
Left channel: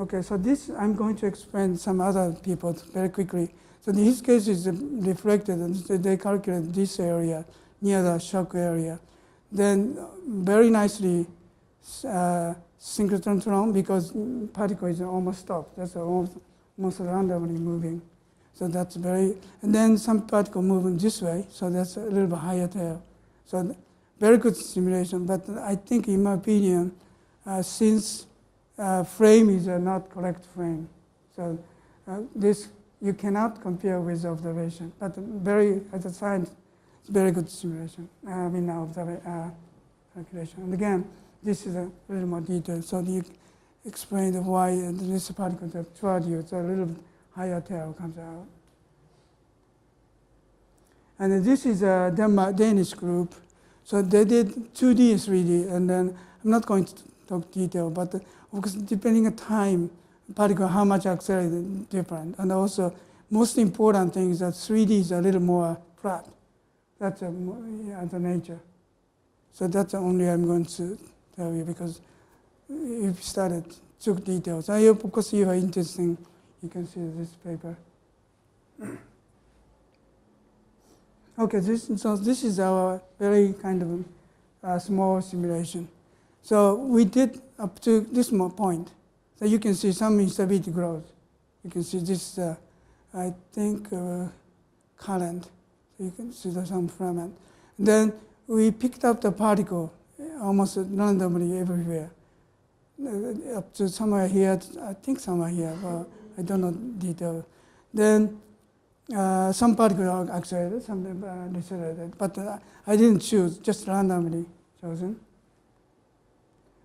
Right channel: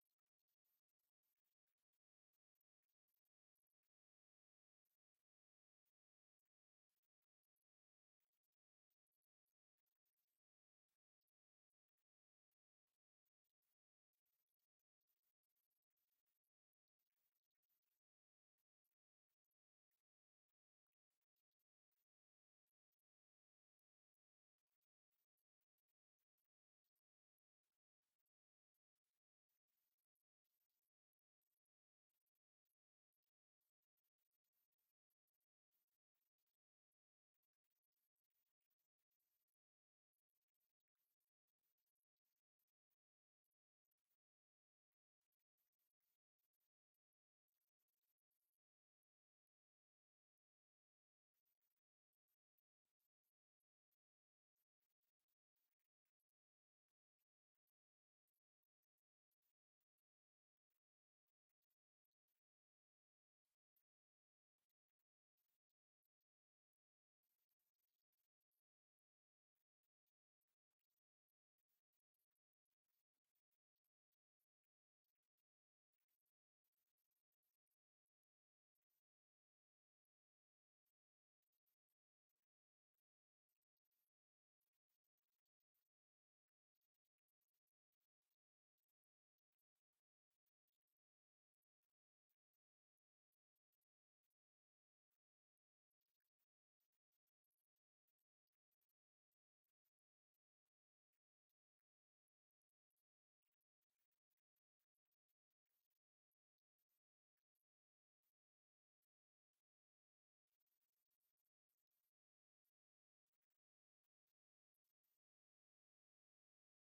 Okay, so this I'm going to explain some other people very quickly. So in his case is reflected, and they calculate this area near the shock area. Then very nicely synchrotron because particle is almost stopped. That's almost randomly moving. So that's very, and then some particle moving this way, so that's a little bit higher tail. So very good simulation, but I think in my opinion, since frame is not correct frame, so this you cannot compare with observation, but very, as a science, it's very good simulation, calculation. And again, this is a little more detailed, so you explain why this particle that toward you, it's a little bit higher tail comes out. And this is a Danish group. So they did 2D, 3D, and then I'm not going to talk detail, but because depending on time, particle, how much accelerated, different. And also, most important thing is that 3D is a little more flat. That's the nature. So that's the only I'm going to tell you because if you started took details. I hope because you are interested, you can see this paper. Okay, so this is our very kind of small simulation. So we did up to this point. So you can see some instability growth. You can see this, I think, current. So you can see there's some ferment. Then we picked up the particle almost randomly everywhere. Up to somewhere here, I think somewhere here, but I don't know detail. Then some particles accelerated, some decelerated, but I didn't choose, just randomly chosen.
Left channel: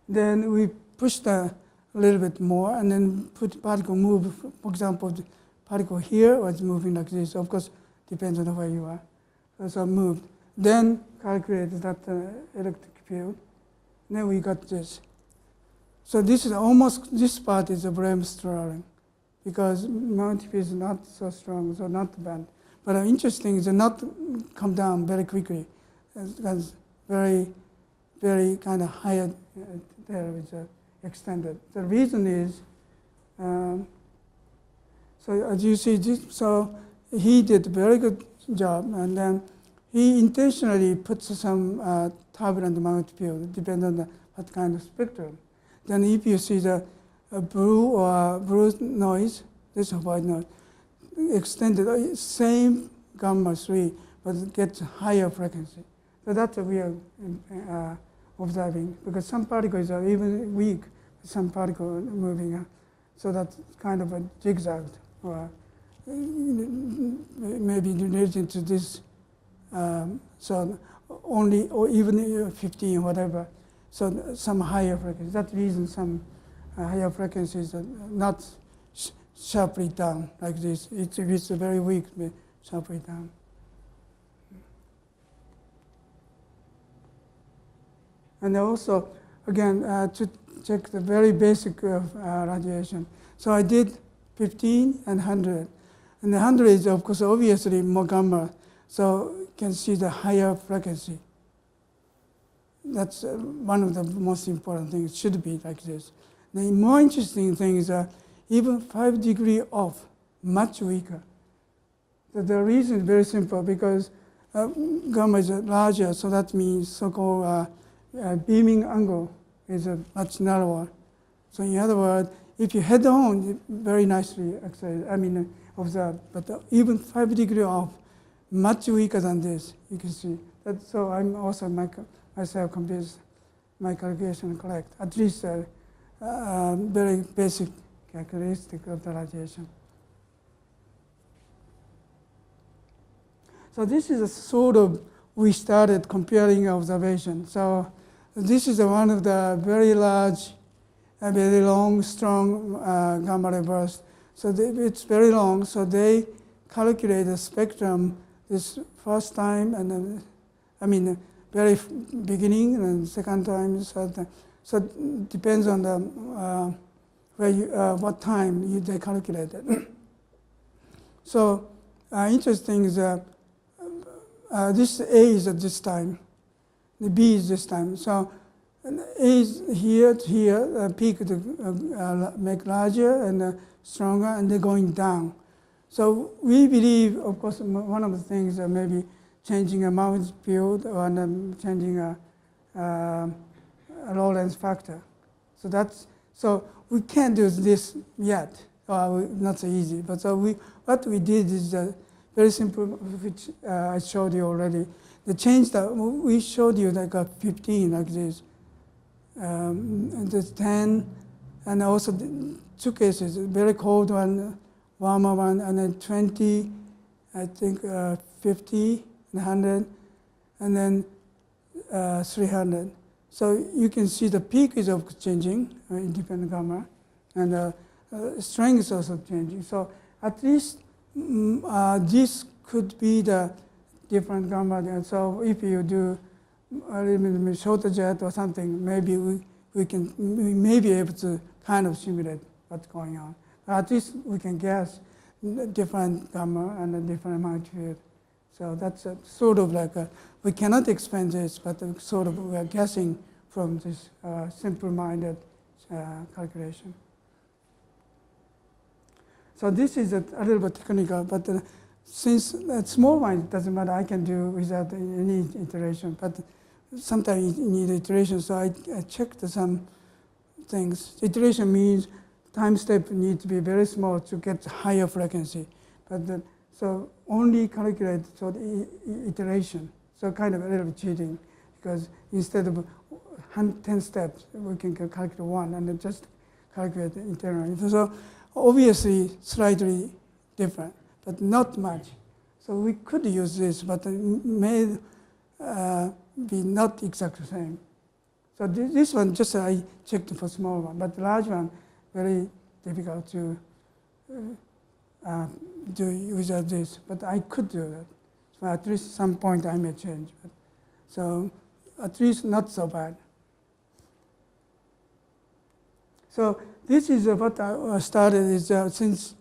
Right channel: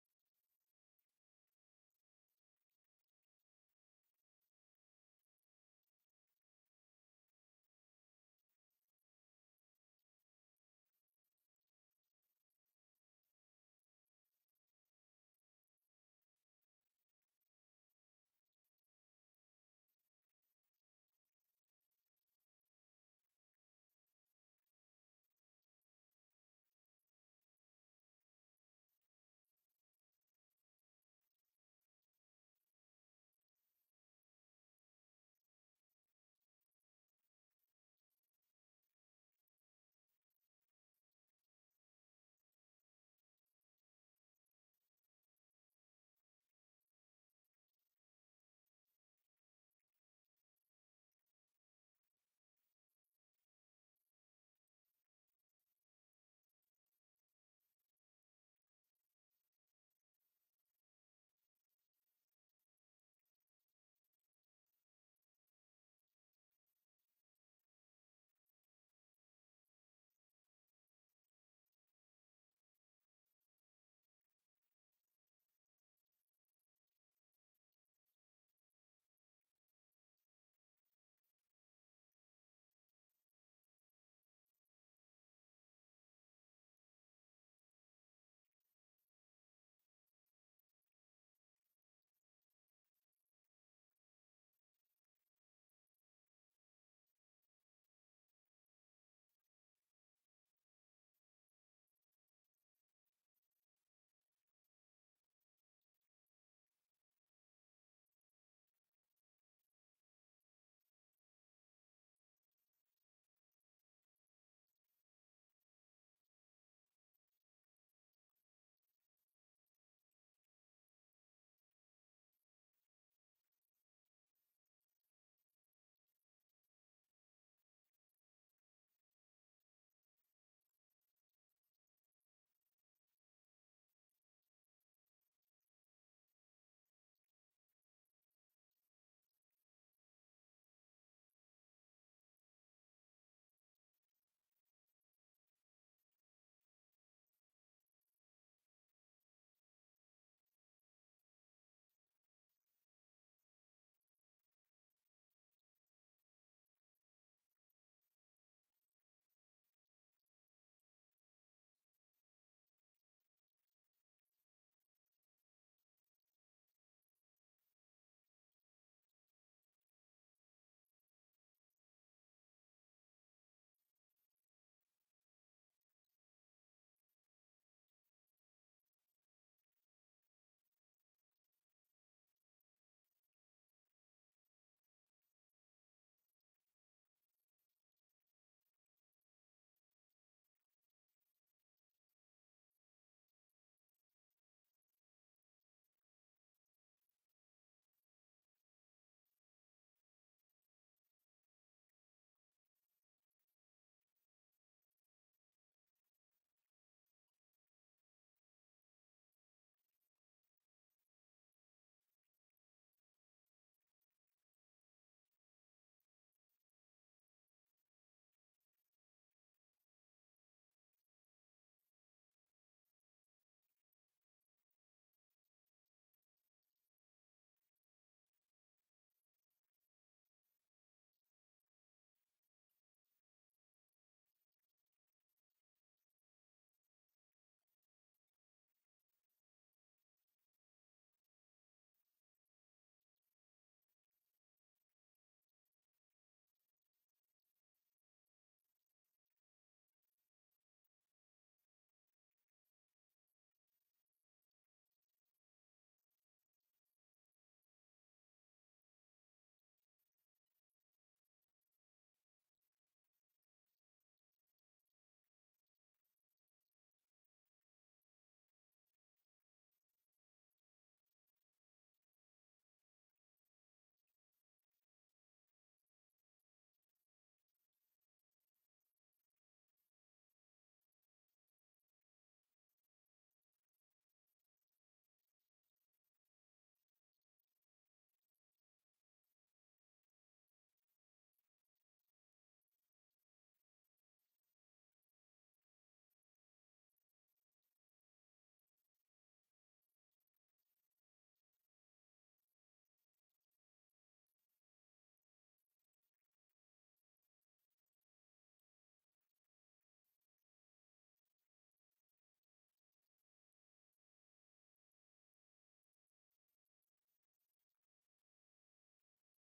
Then we pushed a little bit more and then put particle move. For example, the particle here was moving like this. Of course, depends on where you are. So moved. Then calculated that electric field. Then we got this. So this is almost, this part is a brainstorming because magnetic field is not so strong, so not bad. But interesting is not come down very quickly. It's very, very kind of higher there is extended. The reason is, so as you see, this, so he did a very good job, and then he intentionally puts some turbulent magnetic field, depending on what kind of spectrum. Then if you see the blue noise, this is white noise, extended, same gamma 3, but it gets higher frequency. So that's what we are observing, because some particles are even weak, some particles moving. So that's kind of a zigzag, or maybe related to this. So only, or even 15, whatever. So some higher frequency. That's the reason some higher frequencies are not sharply down like this. If it's very weak, sharply down. And also, again, to check the very basic radiation. So I did 15 and 100. And the 100 is, of course, obviously more gamma. So you can see the higher frequency. That's one of the most important things. It should be like this. The more interesting thing is even 5 degrees off, much weaker. The reason is very simple, because gamma is larger, so that means so-called beaming angle is much narrower. So in other words, if you head on, it very nicely accelerate, observe. But even 5 degrees off, much weaker than this, you can see. So I'm also myself convinced my calculation correct, at least very basic characteristic of the radiation. So this is a sort of, we started comparing observation. So this is one of the very large, very long, strong gamma ray burst. So it's very long, so they calculate the spectrum this first time, and then, very beginning, and second time, third time. So it depends on the what time they calculated. So interesting is this A is at this time, the B is this time. So A is here to here, peak to make larger and stronger, and they're going down. So we believe, of course, one of the things maybe changing a Maury's field or changing a Lorentz factor. So we can't do this yet. Not so easy. But so what we did is very simple, which I showed you already. The change that we showed you like a 15 like this, and there's 10, and also two cases, very cold one, warmer one, and then 20, I think 50, 100, and then 300. So you can see the peak is also changing, independent gamma, and strength is also changing. So at least this could be the different gamma. And so if you do a little bit shorter jet or something, maybe we may be able to kind of simulate what's going on. At least we can guess different gamma and a different magnitude. So that's sort of like we cannot explain this, but sort of we are guessing from this simple-minded calculation. So this is a little bit technical, but since small mind doesn't matter, I can do without any iteration. But sometimes you need iteration, so I checked some things. Iteration means time step needs to be very small to get higher frequency. But so only calculate the iteration. So kind of a little bit cheating, because instead of 10 steps, we can calculate one and then just calculate the internal. So obviously slightly different, but not much. So we could use this, but it may be not exactly the same. So this one, just I checked for small one, but the large one, very difficult to do without this. But I could do that. So at least some point I may change. But so at least not so bad. So this is what I started is since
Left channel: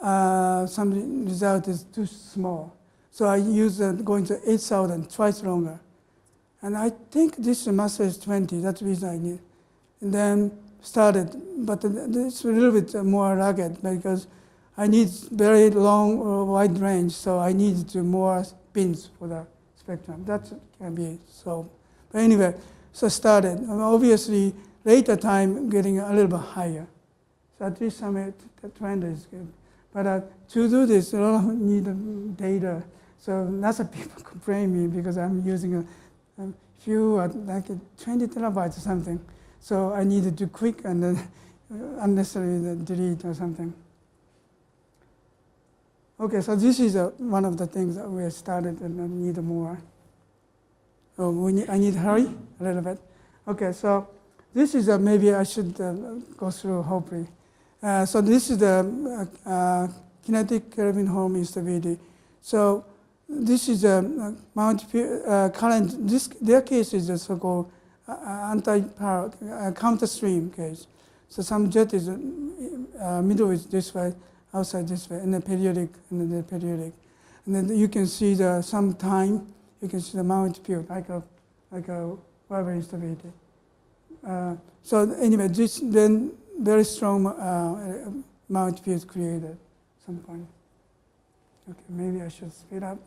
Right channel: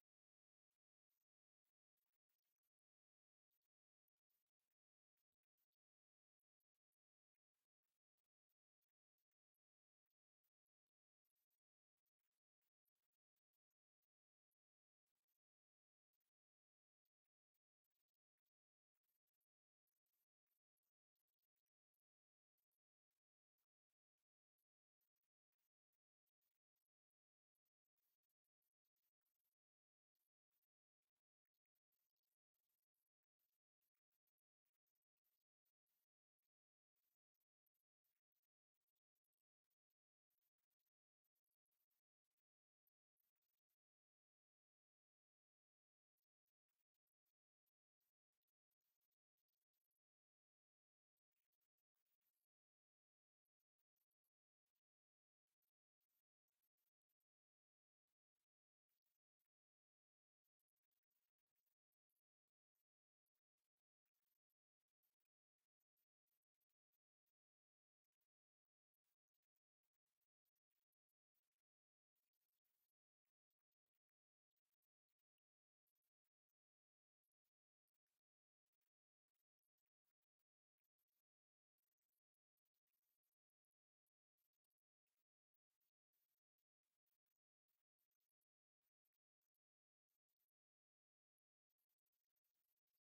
some result is too small. So I use going to 8,000, twice longer. And I think this mass is 20, that's the reason I need. And then started, but it's a little bit more rugged because I need very long or wide range, so I need more pins for the spectrum. That can be solved. But anyway, so started. And obviously, later time getting a little bit higher. So at least the trend is good. But to do this, you need data. So lots of people complain me because I'm using a few, like 20 terabytes or something. So I need to do quick and then unnecessarily delete or something. Okay, so this is one of the things that we started and need more. Oh, I need to hurry a little bit. Okay, so this is maybe I should go through hopefully. So this is the kinetic Kelvin-Helmholtz instability. So this is a current. Their case is a so-called anti-power counter-stream case. So some jet is middle is this way, outside this way, and then periodic, and then the periodic. And then you can see some time. You can see the Maury's field like a Weber instability. So anyway, this then very strong Maury's field created at some point. Okay, maybe I should speed up.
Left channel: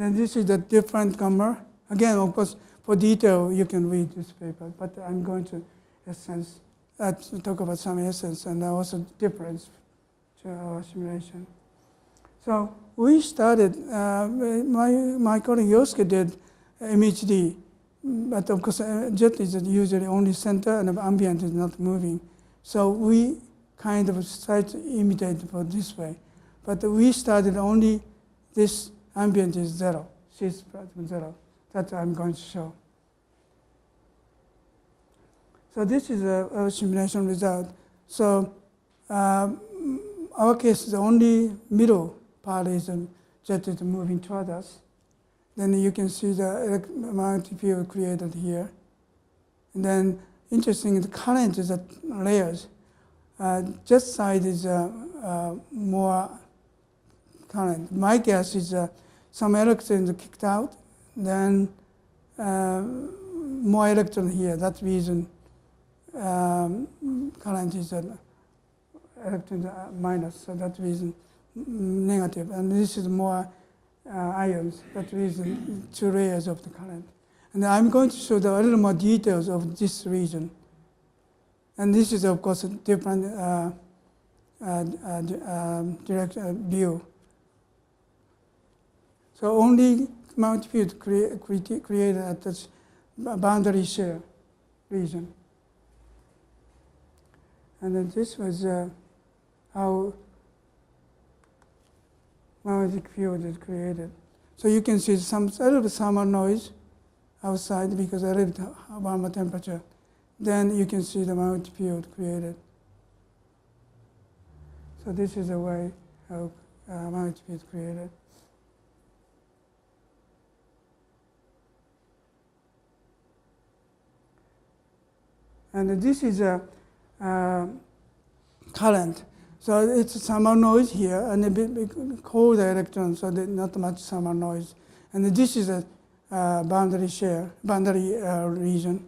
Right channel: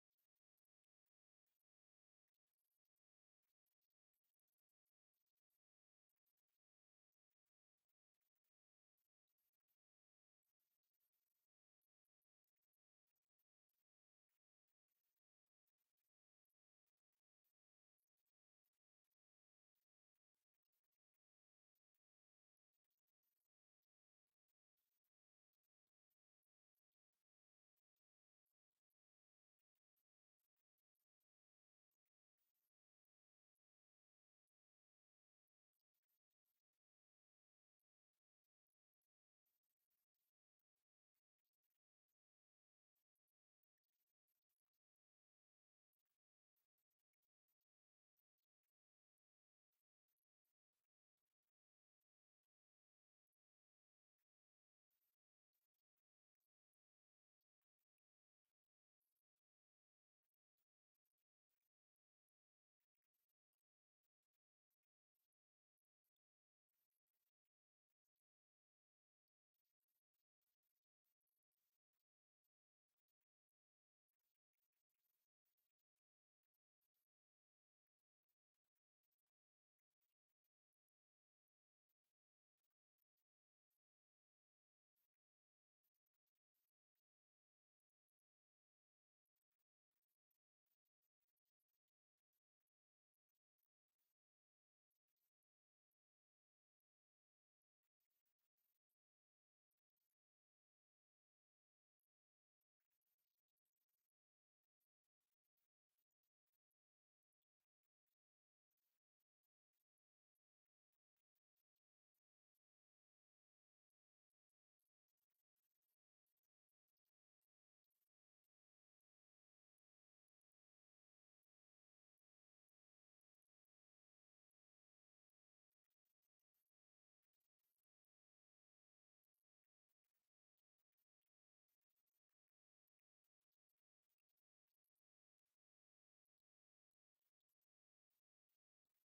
Then this is a different gamma. Again, of course, for detail, you can read this paper, but I'm going to talk about some essence and also difference to our simulation. So we started, my colleague Yosuke did MHD, but of course jet is usually only center and the ambient is not moving. So we kind of try to imitate for this way. But we started only this ambient is zero, she's plasma zero. That I'm going to show. So this is our simulation result. So our case, the only middle part is jet is moving toward us. Then you can see the magnetic field created here. And then interesting, the current is at layers. Jet side is more current. My guess is some electrons kicked out, then more electron here. That's reason current is electrons minus, so that reason negative. And this is more ions, that reason 2 layers of the current. And I'm going to show a little more details of this region. And this is, of course, a different direct view. So only magnetic field created at this boundary shear region. And then this was how magnetic field is created. So you can see a little bit thermal noise outside because a little bit warmer temperature. Then you can see the magnetic field created. So this is the way how magnetic field is created. And this is a current. So it's thermal noise here and a bit cold electron, so not much thermal noise. And this is a boundary region.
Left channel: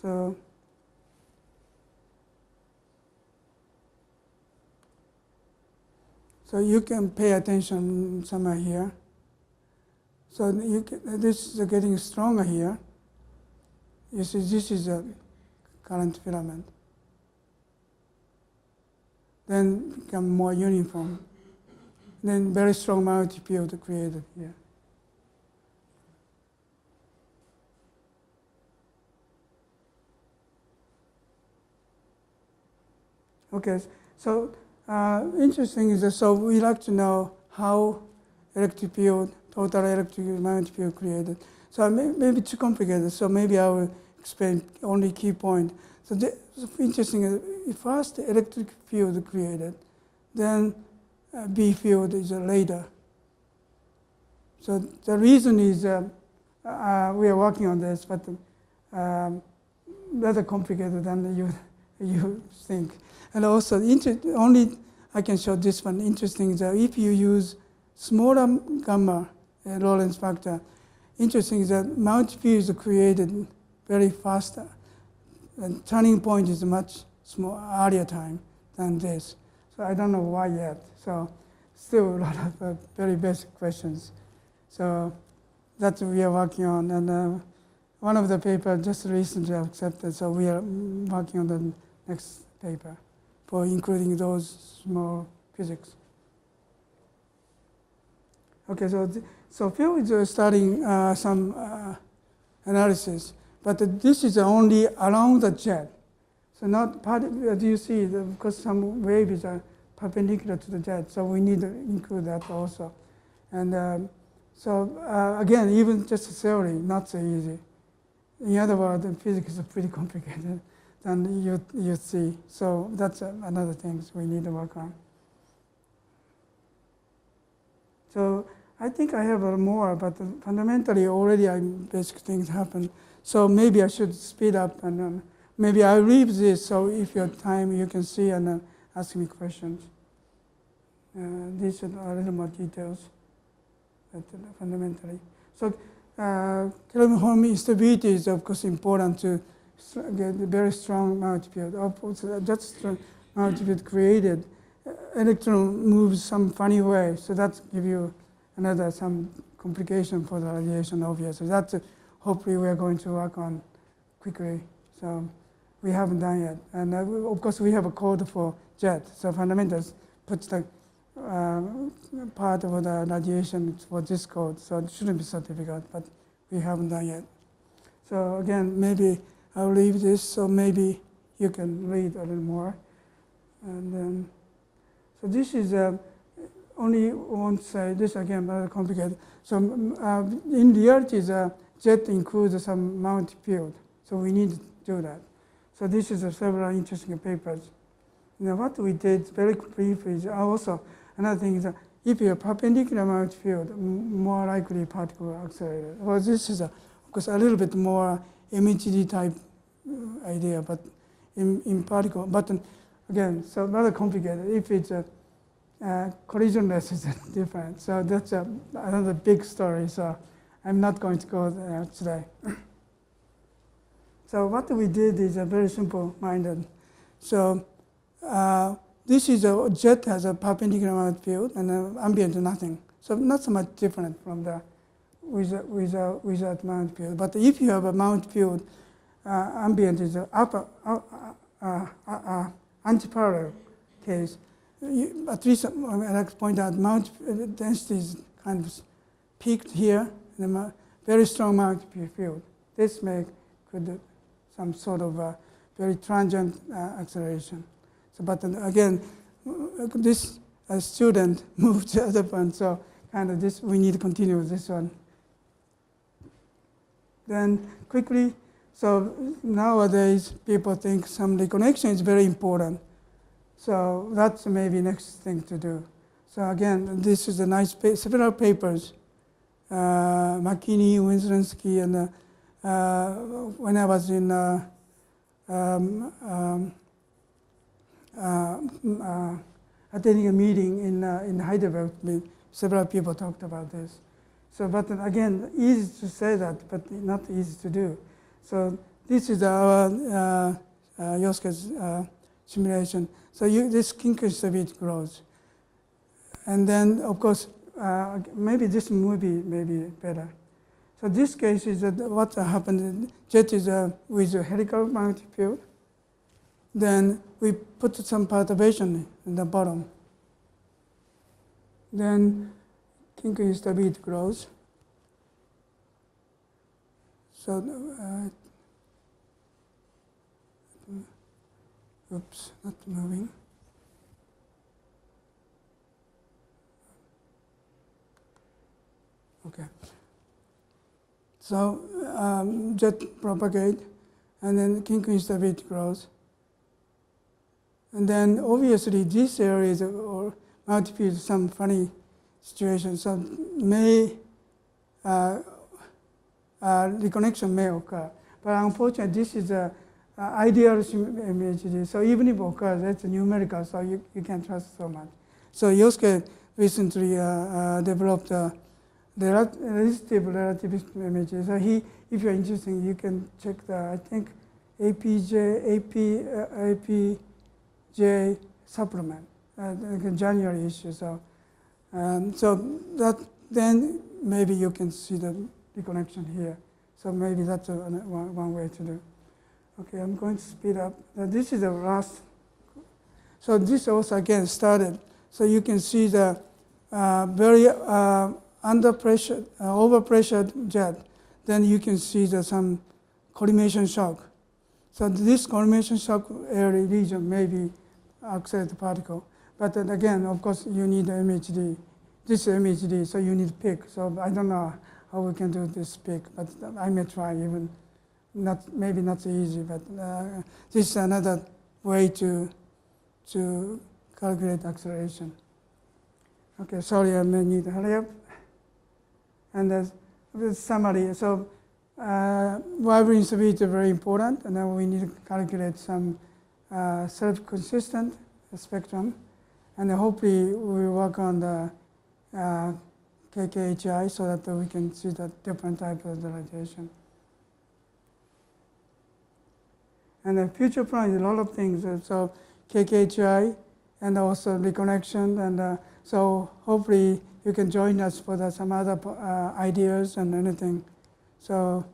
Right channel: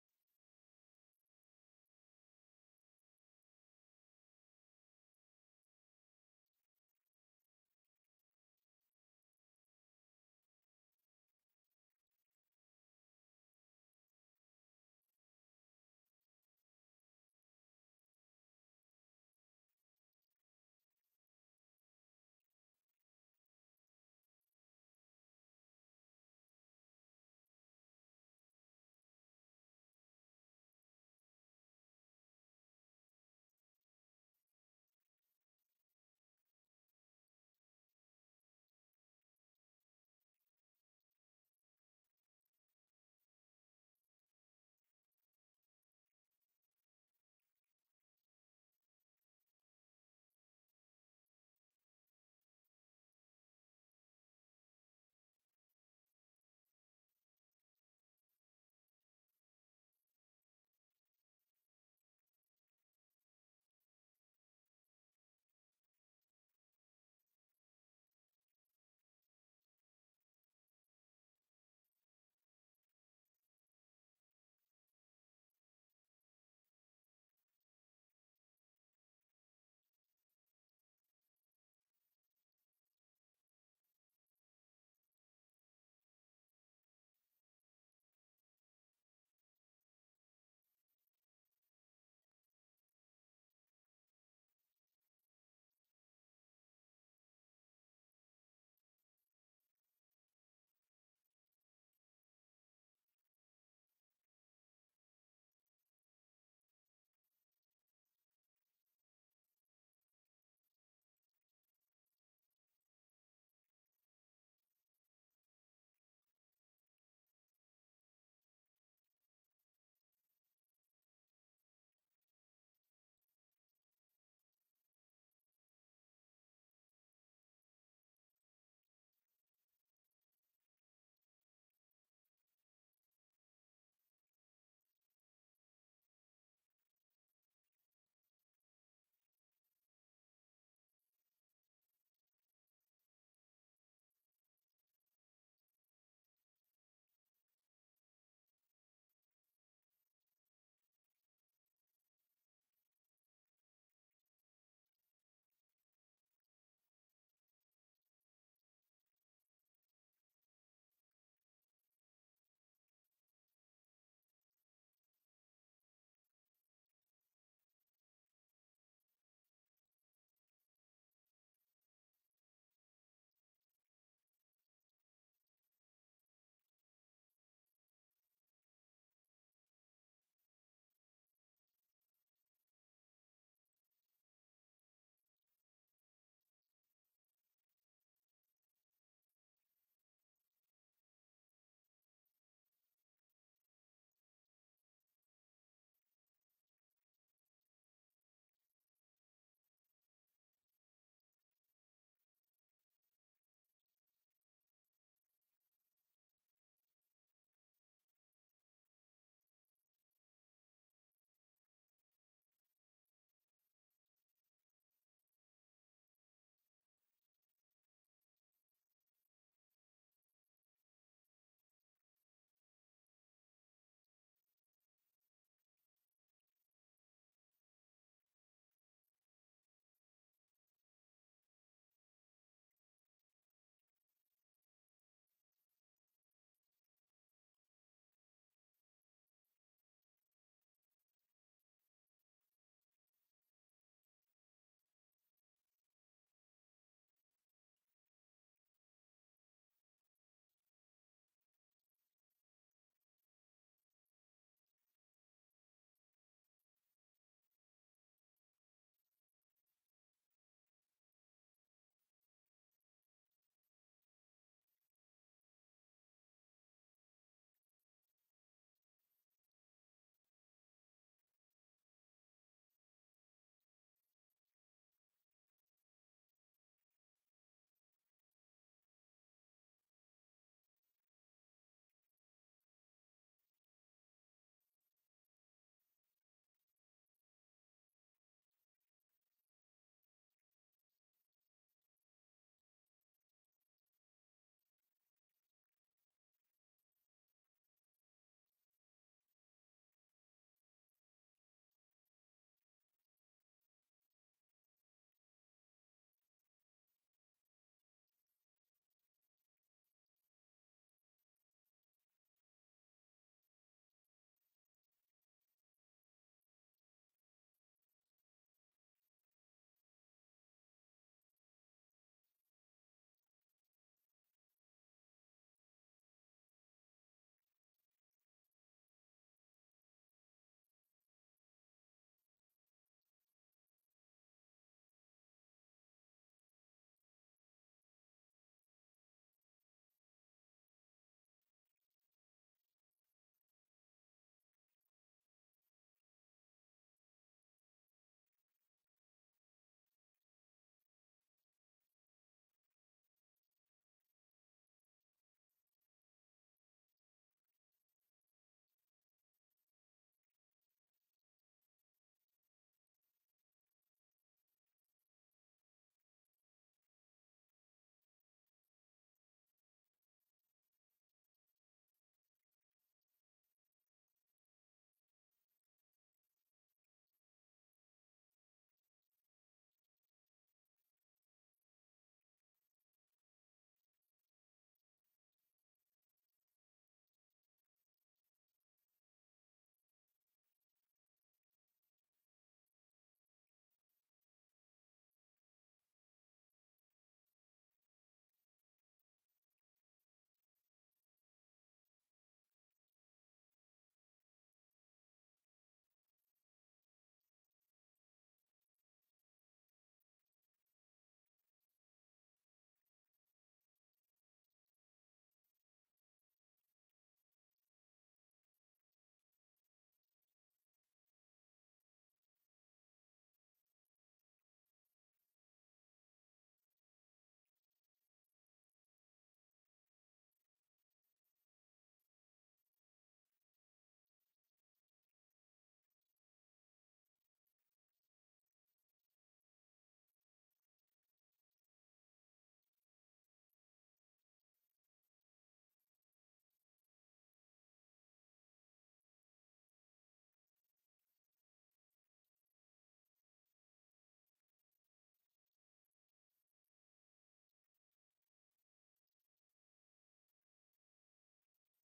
So you can pay attention somewhere here. So this is getting stronger here. You see, this is a current filament. Then become more uniform. Then very strong magnetic field created here. Okay, so interesting is that, so we like to know how electric field, total electric magnetic field created. So maybe too complicated, so maybe I will explain only key point. So interesting is first electric field created, then B field is later. So the reason is we are working on this, but rather complicated than you think. And also, only I can show this one. Interesting is that if you use smaller gamma Lorentz factor, interesting is that magnetic field is created very fast. And turning point is much earlier time than this. So I don't know why yet. So still a lot of very basic questions. So that's what we are working on. And one of the papers just recently accepted, so we are working on the next paper for including those small physics. Okay, so Phil is starting some analysis, but this is only around the jet. So not part, as you see, because some waves are perpendicular to the jet, so we need to include that also. And again, even just theory, not so easy. In other words, the physics is pretty complicated than you see. So that's another thing we need to work on. So I think I have more, but fundamentally already basic things happen. So maybe I should speed up and maybe I'll leave this, so if you have time, you can see and ask me questions. These are a little more details, but fundamentally. So Kelvin-Helmholtz instability is of course important to get a very strong magnetic field. Also, that strong magnetic field created, electron moves some funny way, so that gives you some complication for the radiation, obviously. That's hopefully we're going to work on quickly. So we haven't done yet. And of course, we have a code for jet. So fundamentals puts the part of the radiation for this code. So it shouldn't be so difficult, but we haven't done yet. So again, maybe I'll leave this, so maybe you can read a little more. And then, so this is only one side. This again very complicated. So in reality, the jet includes some Mount field. So we need to do that. So this is several interesting papers. Now what we did very briefly is also another thing is that if you have perpendicular Mount field, more likely particle accelerated. Well, this is of course a little bit more MHD type idea, but in particle. But again, so rather complicated. If it's collisionless, is different. So that's another big story. So I'm not going to go there today. So what we did is a very simple-minded. So this is a jet has a perpendicular Mount field and ambient nothing. So not so much different from the without Mount field. But if you have a Mount field, ambient is upper antiparallel case. At least I like to point out Mount density is kind of peaked here, and a very strong Mount field. This could some sort of very transient acceleration. So, but again, this student moved to the other one, so kind of this we need to continue with this one. Then quickly, so nowadays people think some reconnection is very important. So that's maybe next thing to do. So again, this is a nice several papers. McKinney, Winslow-Sky, and when I was in attending a meeting in Heidelberg, several people talked about this. So, but again, easy to say that, but not easy to do. So this is our Yosuke's simulation. So this kink instability grows. And then, of course, maybe this movie may be better. So this case is that what happened, jet is with a helical magnetic field. Then we put some perturbation in the bottom. Then kink instability grows. So, oops, not moving. Okay. So jet propagate, and then kink instability grows. And then obviously this area is or might be some funny situation. So may reconnection may occur, but unfortunately this is a ideal MHD. So even if it occurs, that's numerical, so you can't trust so much. So Yosuke recently developed the resistive relativistic MHD. So if you're interested, you can check the, I think, APJ supplement, January issue. So, so that then maybe you can see the reconnection here. So maybe that's one way to do. Okay, I'm going to speed up. This is the last. So this also again started. So you can see the very under pressure, overpressured jet. Then you can see some collimation shock. So this collimation shock area region may be accelerated particle. But then again, of course, you need MHD. This is MHD, so you need peak. So I don't know how we can do this peak, but I may try even. Maybe not so easy, but this is another way to calculate acceleration. Okay, sorry, I may need to hurry up. And the summary. So Weber instability is very important, and then we need to calculate some self-consistent spectrum, and hopefully we will work on the KKHI so that we can see the different types of radiation. And the future plan is a lot of things. So KKHI and also reconnection, and so hopefully you can join us for some other ideas and anything. So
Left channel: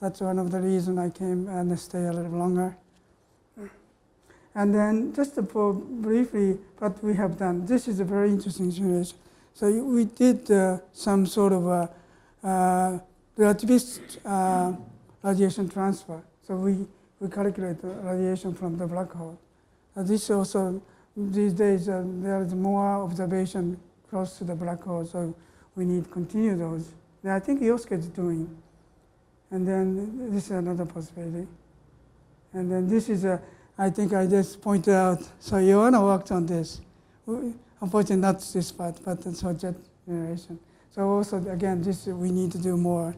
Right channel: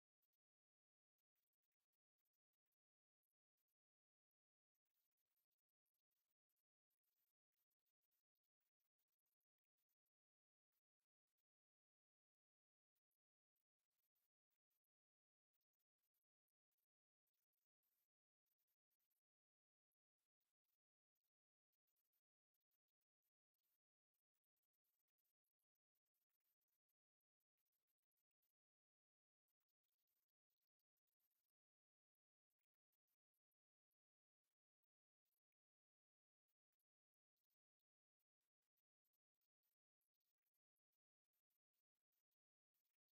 that's one of the reasons I came and stay a little longer. And then just for briefly what we have done, this is a very interesting simulation. So we did some sort of relativist radiation transfer. So we calculate the radiation from the black hole. This also, these days, there is more observation close to the black hole, so we need to continue those. And I think Yosuke is doing. And then this is another possibility. And then this is I think I just pointed out, so Ioana worked on this. Unfortunately, not this part, but it's jet generation. So also, again, this we need to do more.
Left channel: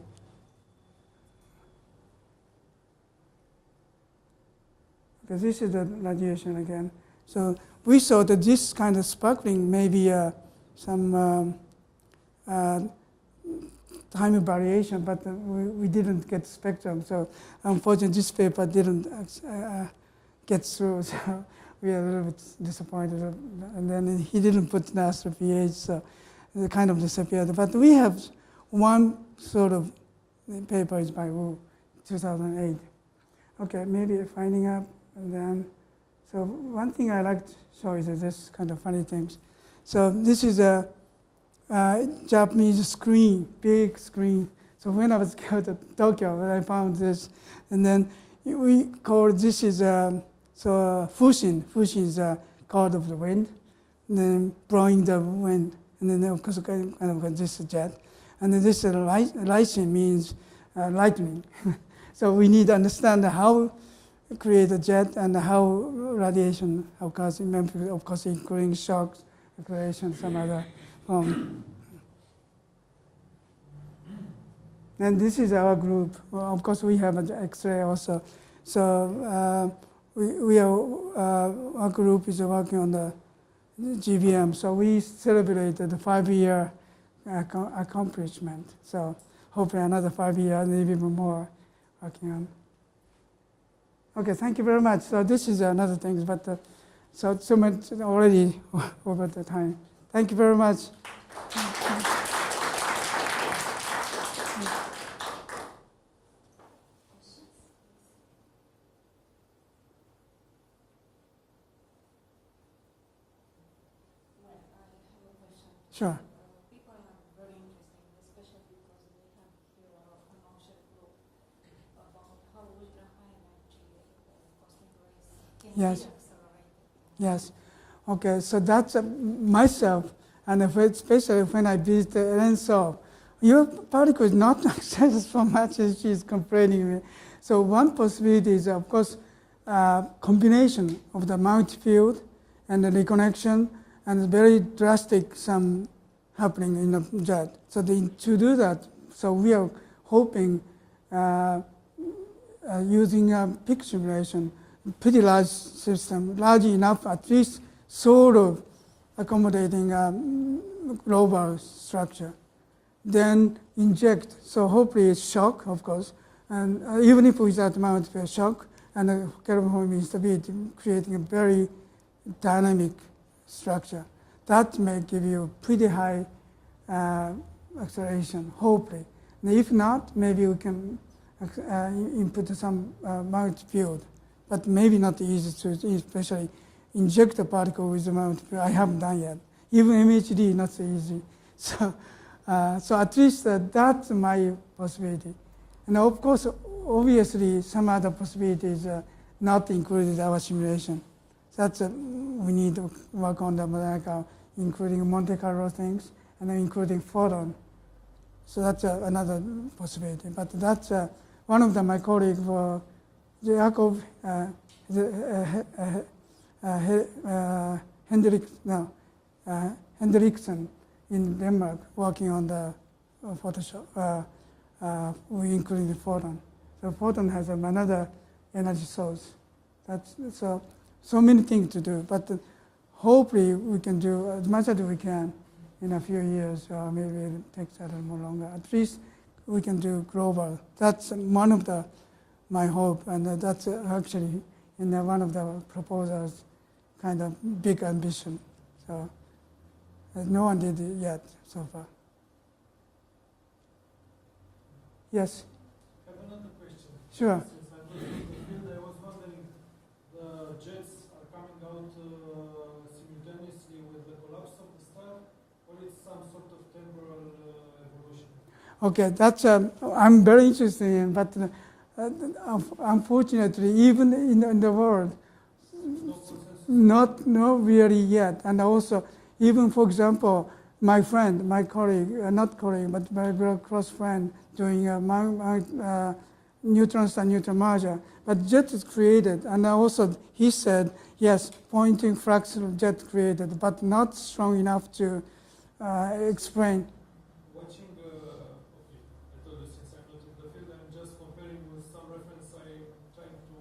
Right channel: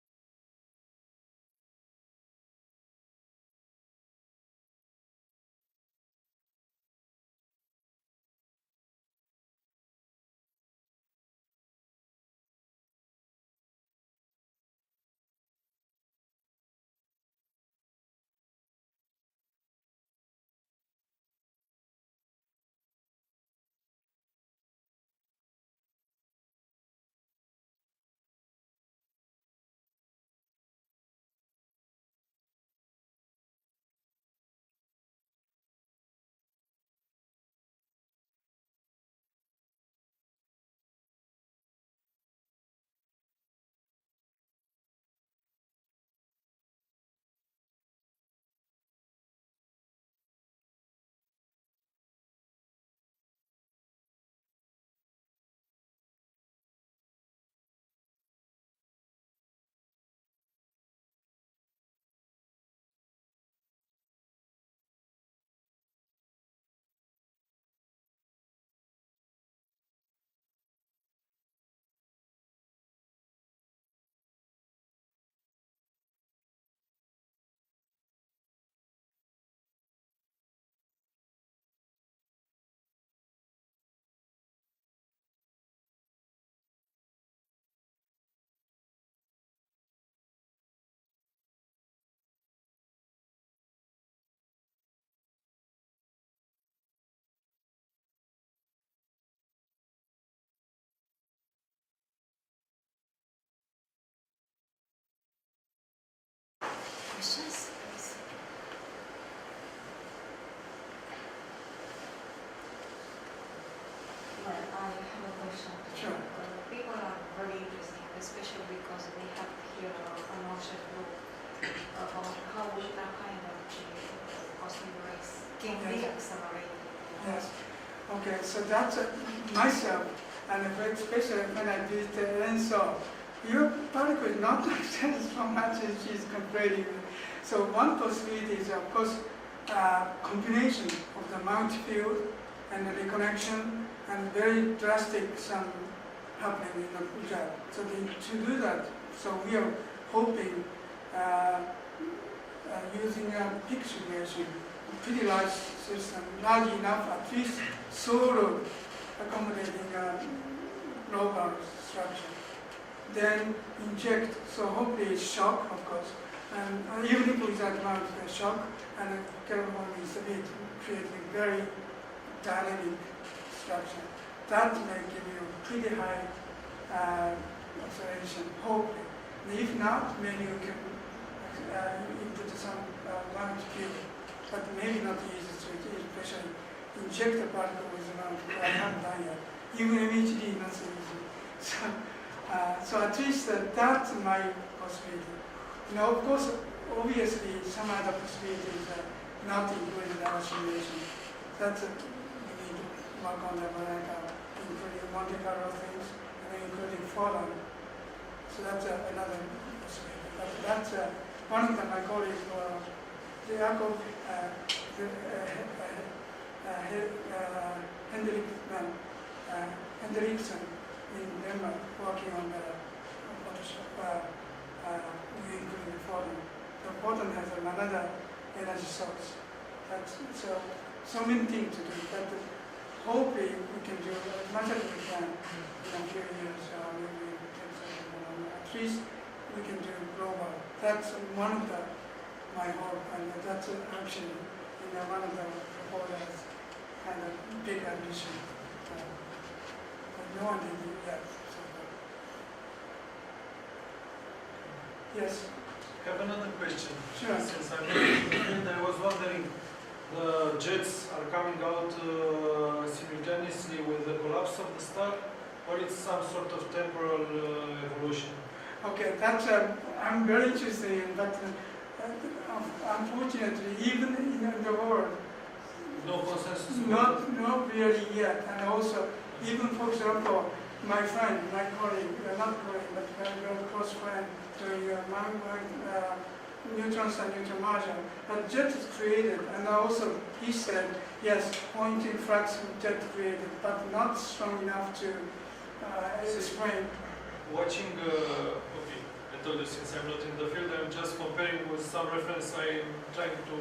Because this is the radiation again. So we saw that this kind of sparkling may be some time variation, but we didn't get spectrum. So unfortunately, this paper didn't get through. So we are a little bit disappointed. And then he didn't put the astro pH, so it kind of disappeared. But we have one sort of paper is by Wu, 2008. Okay, maybe finding up. And then, so one thing I like to show is this kind of funny things. So this is a Japanese screen, big screen. So when I was going to Tokyo, I found this, and then we call this is Fushin. Fushin is a cloud of the wind, and then blowing the wind, and then of course kind of this jet, and then this Lysine means lightning. So we need to understand how create a jet and how radiation occurs, of course including shocks, creation, some other form. And this is our group. Well, of course, we have an X-ray also. So our group is working on the GBM. So we celebrated the 5-year accomplishment. So hopefully another 5 years, maybe even more working on. Okay, thank you very much. So this is another thing, but so much already over the time. Thank you very much. Questions? Well, I have a question. Sure. People are very interested, especially because they have here an object group about how that kind of cosmic rays can Yes. be accelerated. Yes. Okay, so that's myself, and especially when I visited NSO, your particle is not accelerated so much as she's complaining. So one possibility is, of course, combination of the Mount field and the reconnection, and very drastic some happening in the jet. So to do that, so we are hoping using a peak simulation, pretty large system, large enough at least sort of accommodating global structure. Then inject, so hopefully it's shock, of course, and even if without Mount field shock and the Kelvin-Helmholtz instability, creating a very dynamic structure. That may give you pretty high acceleration, hopefully. And if not, maybe we can input some Mount field, but maybe not easy to especially inject a particle with the Mount field. I haven't done yet. Even MHD, not so easy. So at least that's my possibility. Now, of course, obviously, some other possibilities not included in our simulation. That's we need to work on them, including Monte Carlo things, and including photon. So that's another possibility. But that's one of them. My colleague, Jakob Hendriksen in Denmark, working on the Photoshop. We include the photon. The photon has another energy source. That's so many things to do, but hopefully we can do as much as we can in a few years, or maybe it takes a little longer. At least we can do global. That's one of my hope, and that's actually in one of the proposals, kind of big ambition. So but no one did it yet so far. Yes, I have another question. sure. Since I'm not in the field, I was wondering, the jets are coming out simultaneously with the collapse of the star, or it's some sort of temporal evolution? Okay, that's I'm very interested in, but unfortunately, even in the world, No consensus? not really yet. And also, even for example, my friend, my colleague, not colleague, but my very close friend, doing neutrons and neutron merger, a jet is created, and also he said, yes, Poynting fraction of jet created, but not strong enough to explain. Watching, okay, I told you since I'm not in the field, I'm just comparing with some reference I'm trying to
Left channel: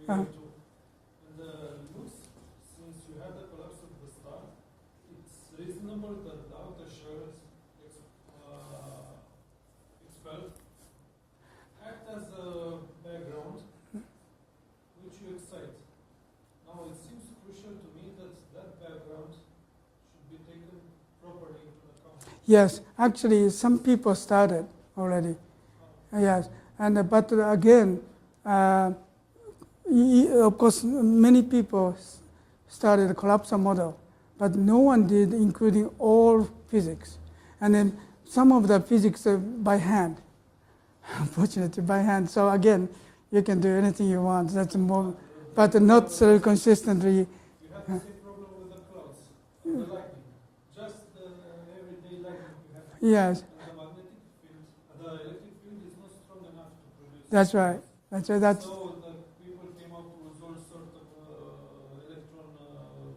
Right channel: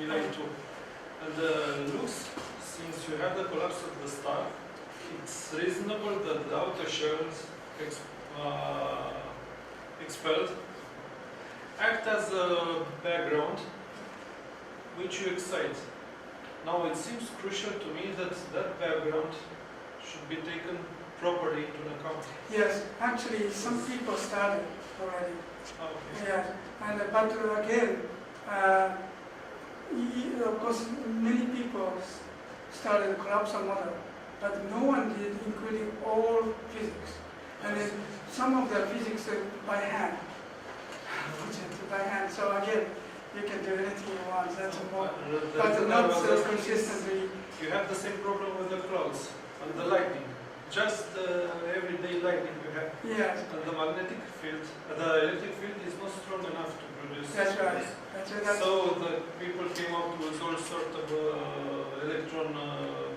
relate to. And looks, since you have the collapse of the star, it's reasonable that the outer shells expelled act as a background which you excite. Now it seems crucial to me that that background should be taken properly into account. Yes, actually, some people started already. Okay. Yes, and but again, of course, many people started the collapsal model, but no one did, including all physics. And then some of the physics by hand, unfortunately by hand. So again, you can do anything you want. That's more, but not so consistently. You have the same problem with the clouds and the lightning. Just the everyday lightning you have. Yes, And the magnetic field, the electric field is not strong enough to produce. that's right. That's So the people came up with all sort of electron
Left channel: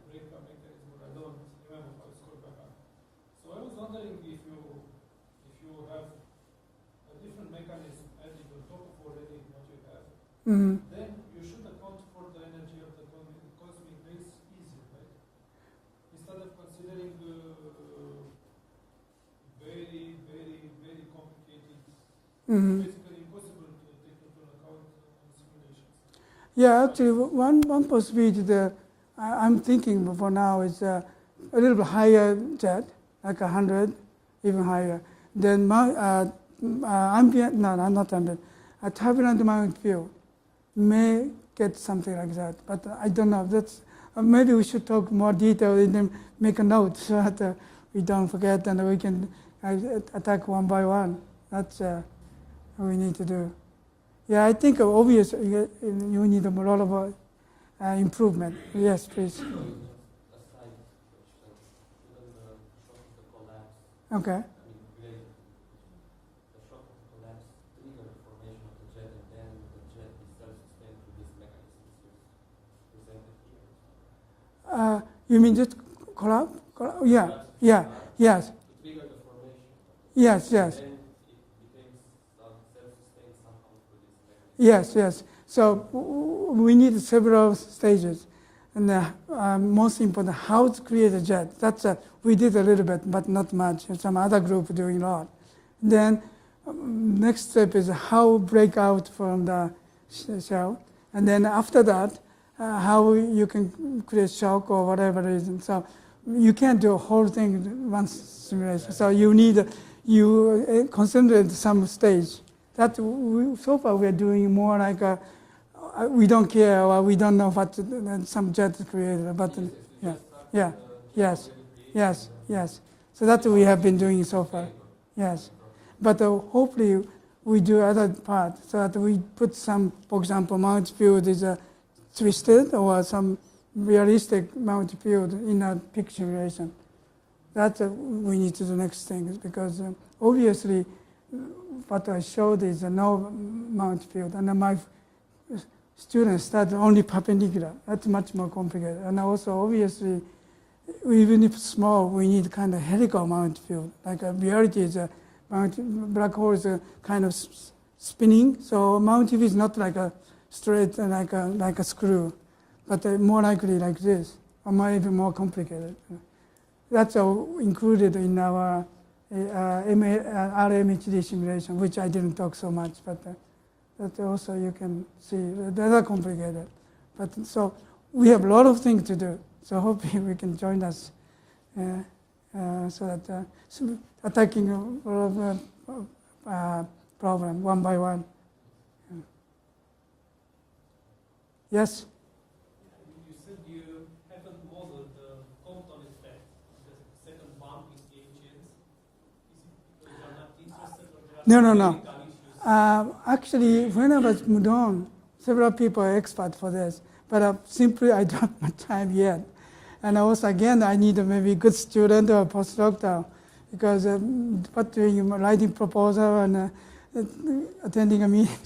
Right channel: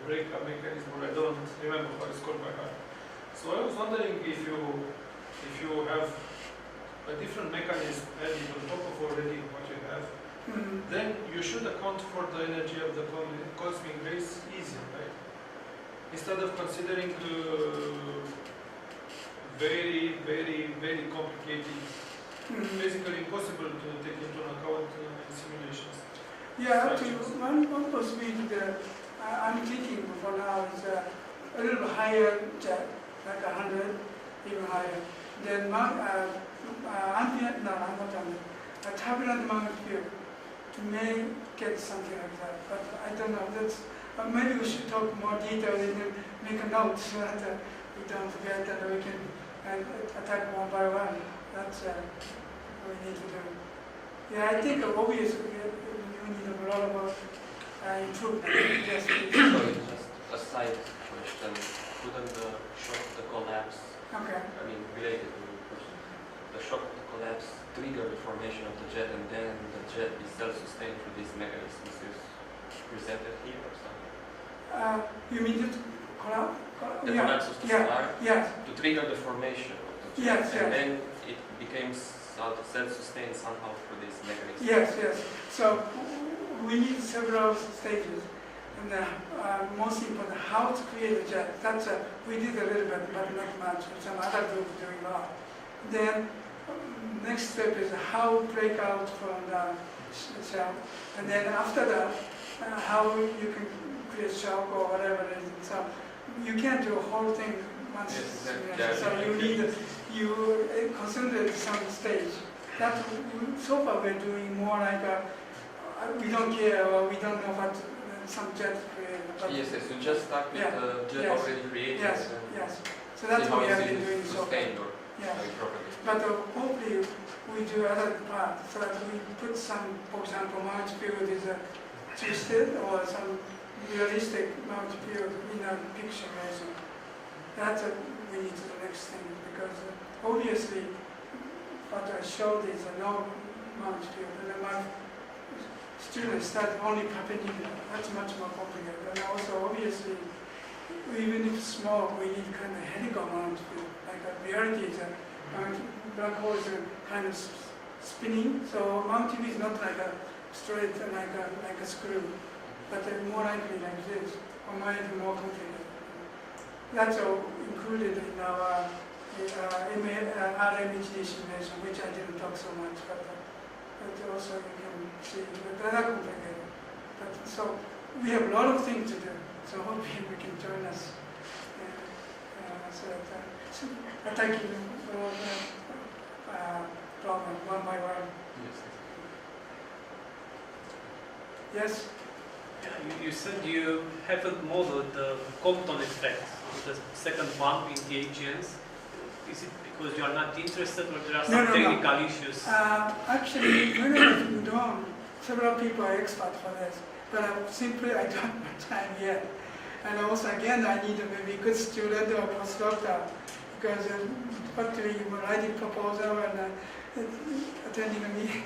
breakup mechanism, or I don't remember how it's called by heart. So I was wondering if you have a different mechanism added on top of already what you have, then you should account for the energy of the cosmic rays easier, right? Instead of considering very, very, very complicated, basically impossible to take into account in simulations. Yeah, actually, one possibility that I'm thinking for now is a little bit higher jet, like 100, even higher. Then ambient, no, not ambient, a turbulent magnetic field may get something like that, but I don't know. That's maybe we should talk more detail and then make a note so that we don't forget and we can attack one by one. That's what we need to do. Yeah, I think obviously you need a lot of improvement. Yes, please. Sorry, just a side question. Couldn't the shock of the collapse, Okay. I mean, related to the question, the shock of the collapse trigger the formation of the jet and then the jet is self-sustained through these mechanisms is presented here or something? You mean just collapse? The Yeah. collapse of the Yeah. star Yes. to trigger the formation of the jet. Yes. And Yes. then it became self-sustained somehow through these mechanisms. Yes. Yes. So we need several stages, and most important, how to create a jet. That's we did a little bit, but not much. Some other group doing a lot. Then next step is how break out from the shell, and then after that, how you can create shock or whatever it is. So you can't do a whole thing once simulation. So you need concentrate some stage. That so far we're doing more like we don't care or we don't know what some jet is created. But Yes, so just start yeah, with the jet yes, already created. yes, and then yes. So that's see what we how have it been is doing so far. sustained or Yes. how it propagates. But hopefully we do other part so that we put some, for example, Mount field is twisted or some realistic Mount field in a picture relation. That's we need to do next thing because obviously what I showed is no Mount field and my students study only perpendicular. That's much more complicated. And also obviously even if small, we need kind of helical Mount field. Like reality is black hole is kind of spinning. So Mount field is not like a straight like a screw, but more likely like this, or maybe more complicated. That's included in our RMHD simulation, which I didn't talk so much, but also you can see they're complicated. But so we have a lot of things to do. So hopefully we can join us. so that attacking problem one by one. Yes? Yeah, you said you haven't modeled the Compton effect, the second one in the AGNs. Is it because you are not interested or there are some technical issues? Actually, when I was in Udon, several people are expert for this, but simply I don't have time yet. And also, again, I need maybe good student or postdoctor, because writing proposal and attending a meeting.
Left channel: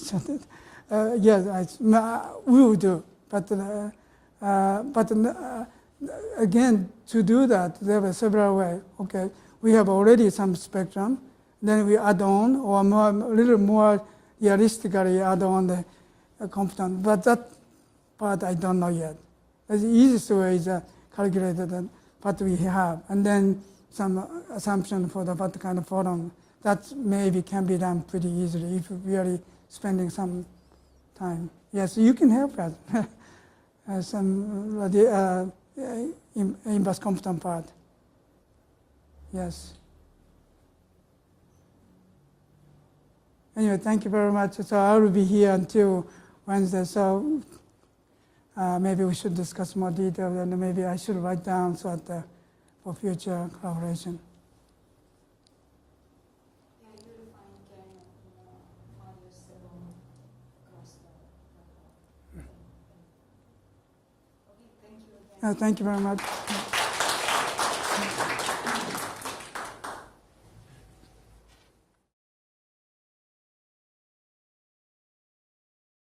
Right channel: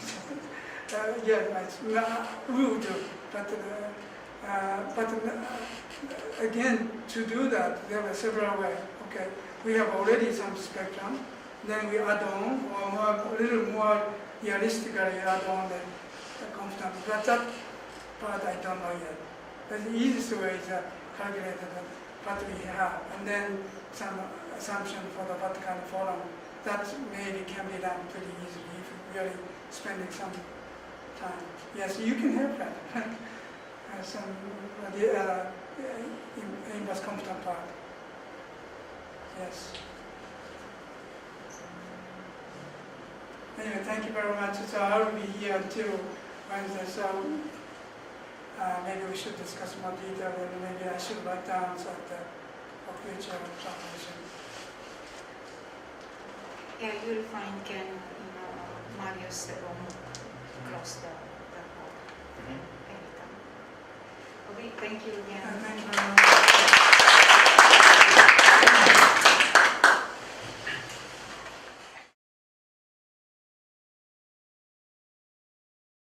Yes, we will do. But again, to do that, there are several ways. Okay, we have already some spectrum, then we add on, or a little more realistically add on the constant. But that part I don't know yet. The easiest way is calculated what we have, and then some assumption for what kind of photon. That maybe can be done pretty easily if you're really spending some time. Yes, you can help that. Inverse constant part. Yes. Anyway, thank you very much. So I will be here until Wednesday. So maybe we should discuss more detail, and maybe I should write down so that for future collaboration. Yeah, you'll find Ken in Mario's room across the hall anytime. Okay, thank you again. Thank you very much.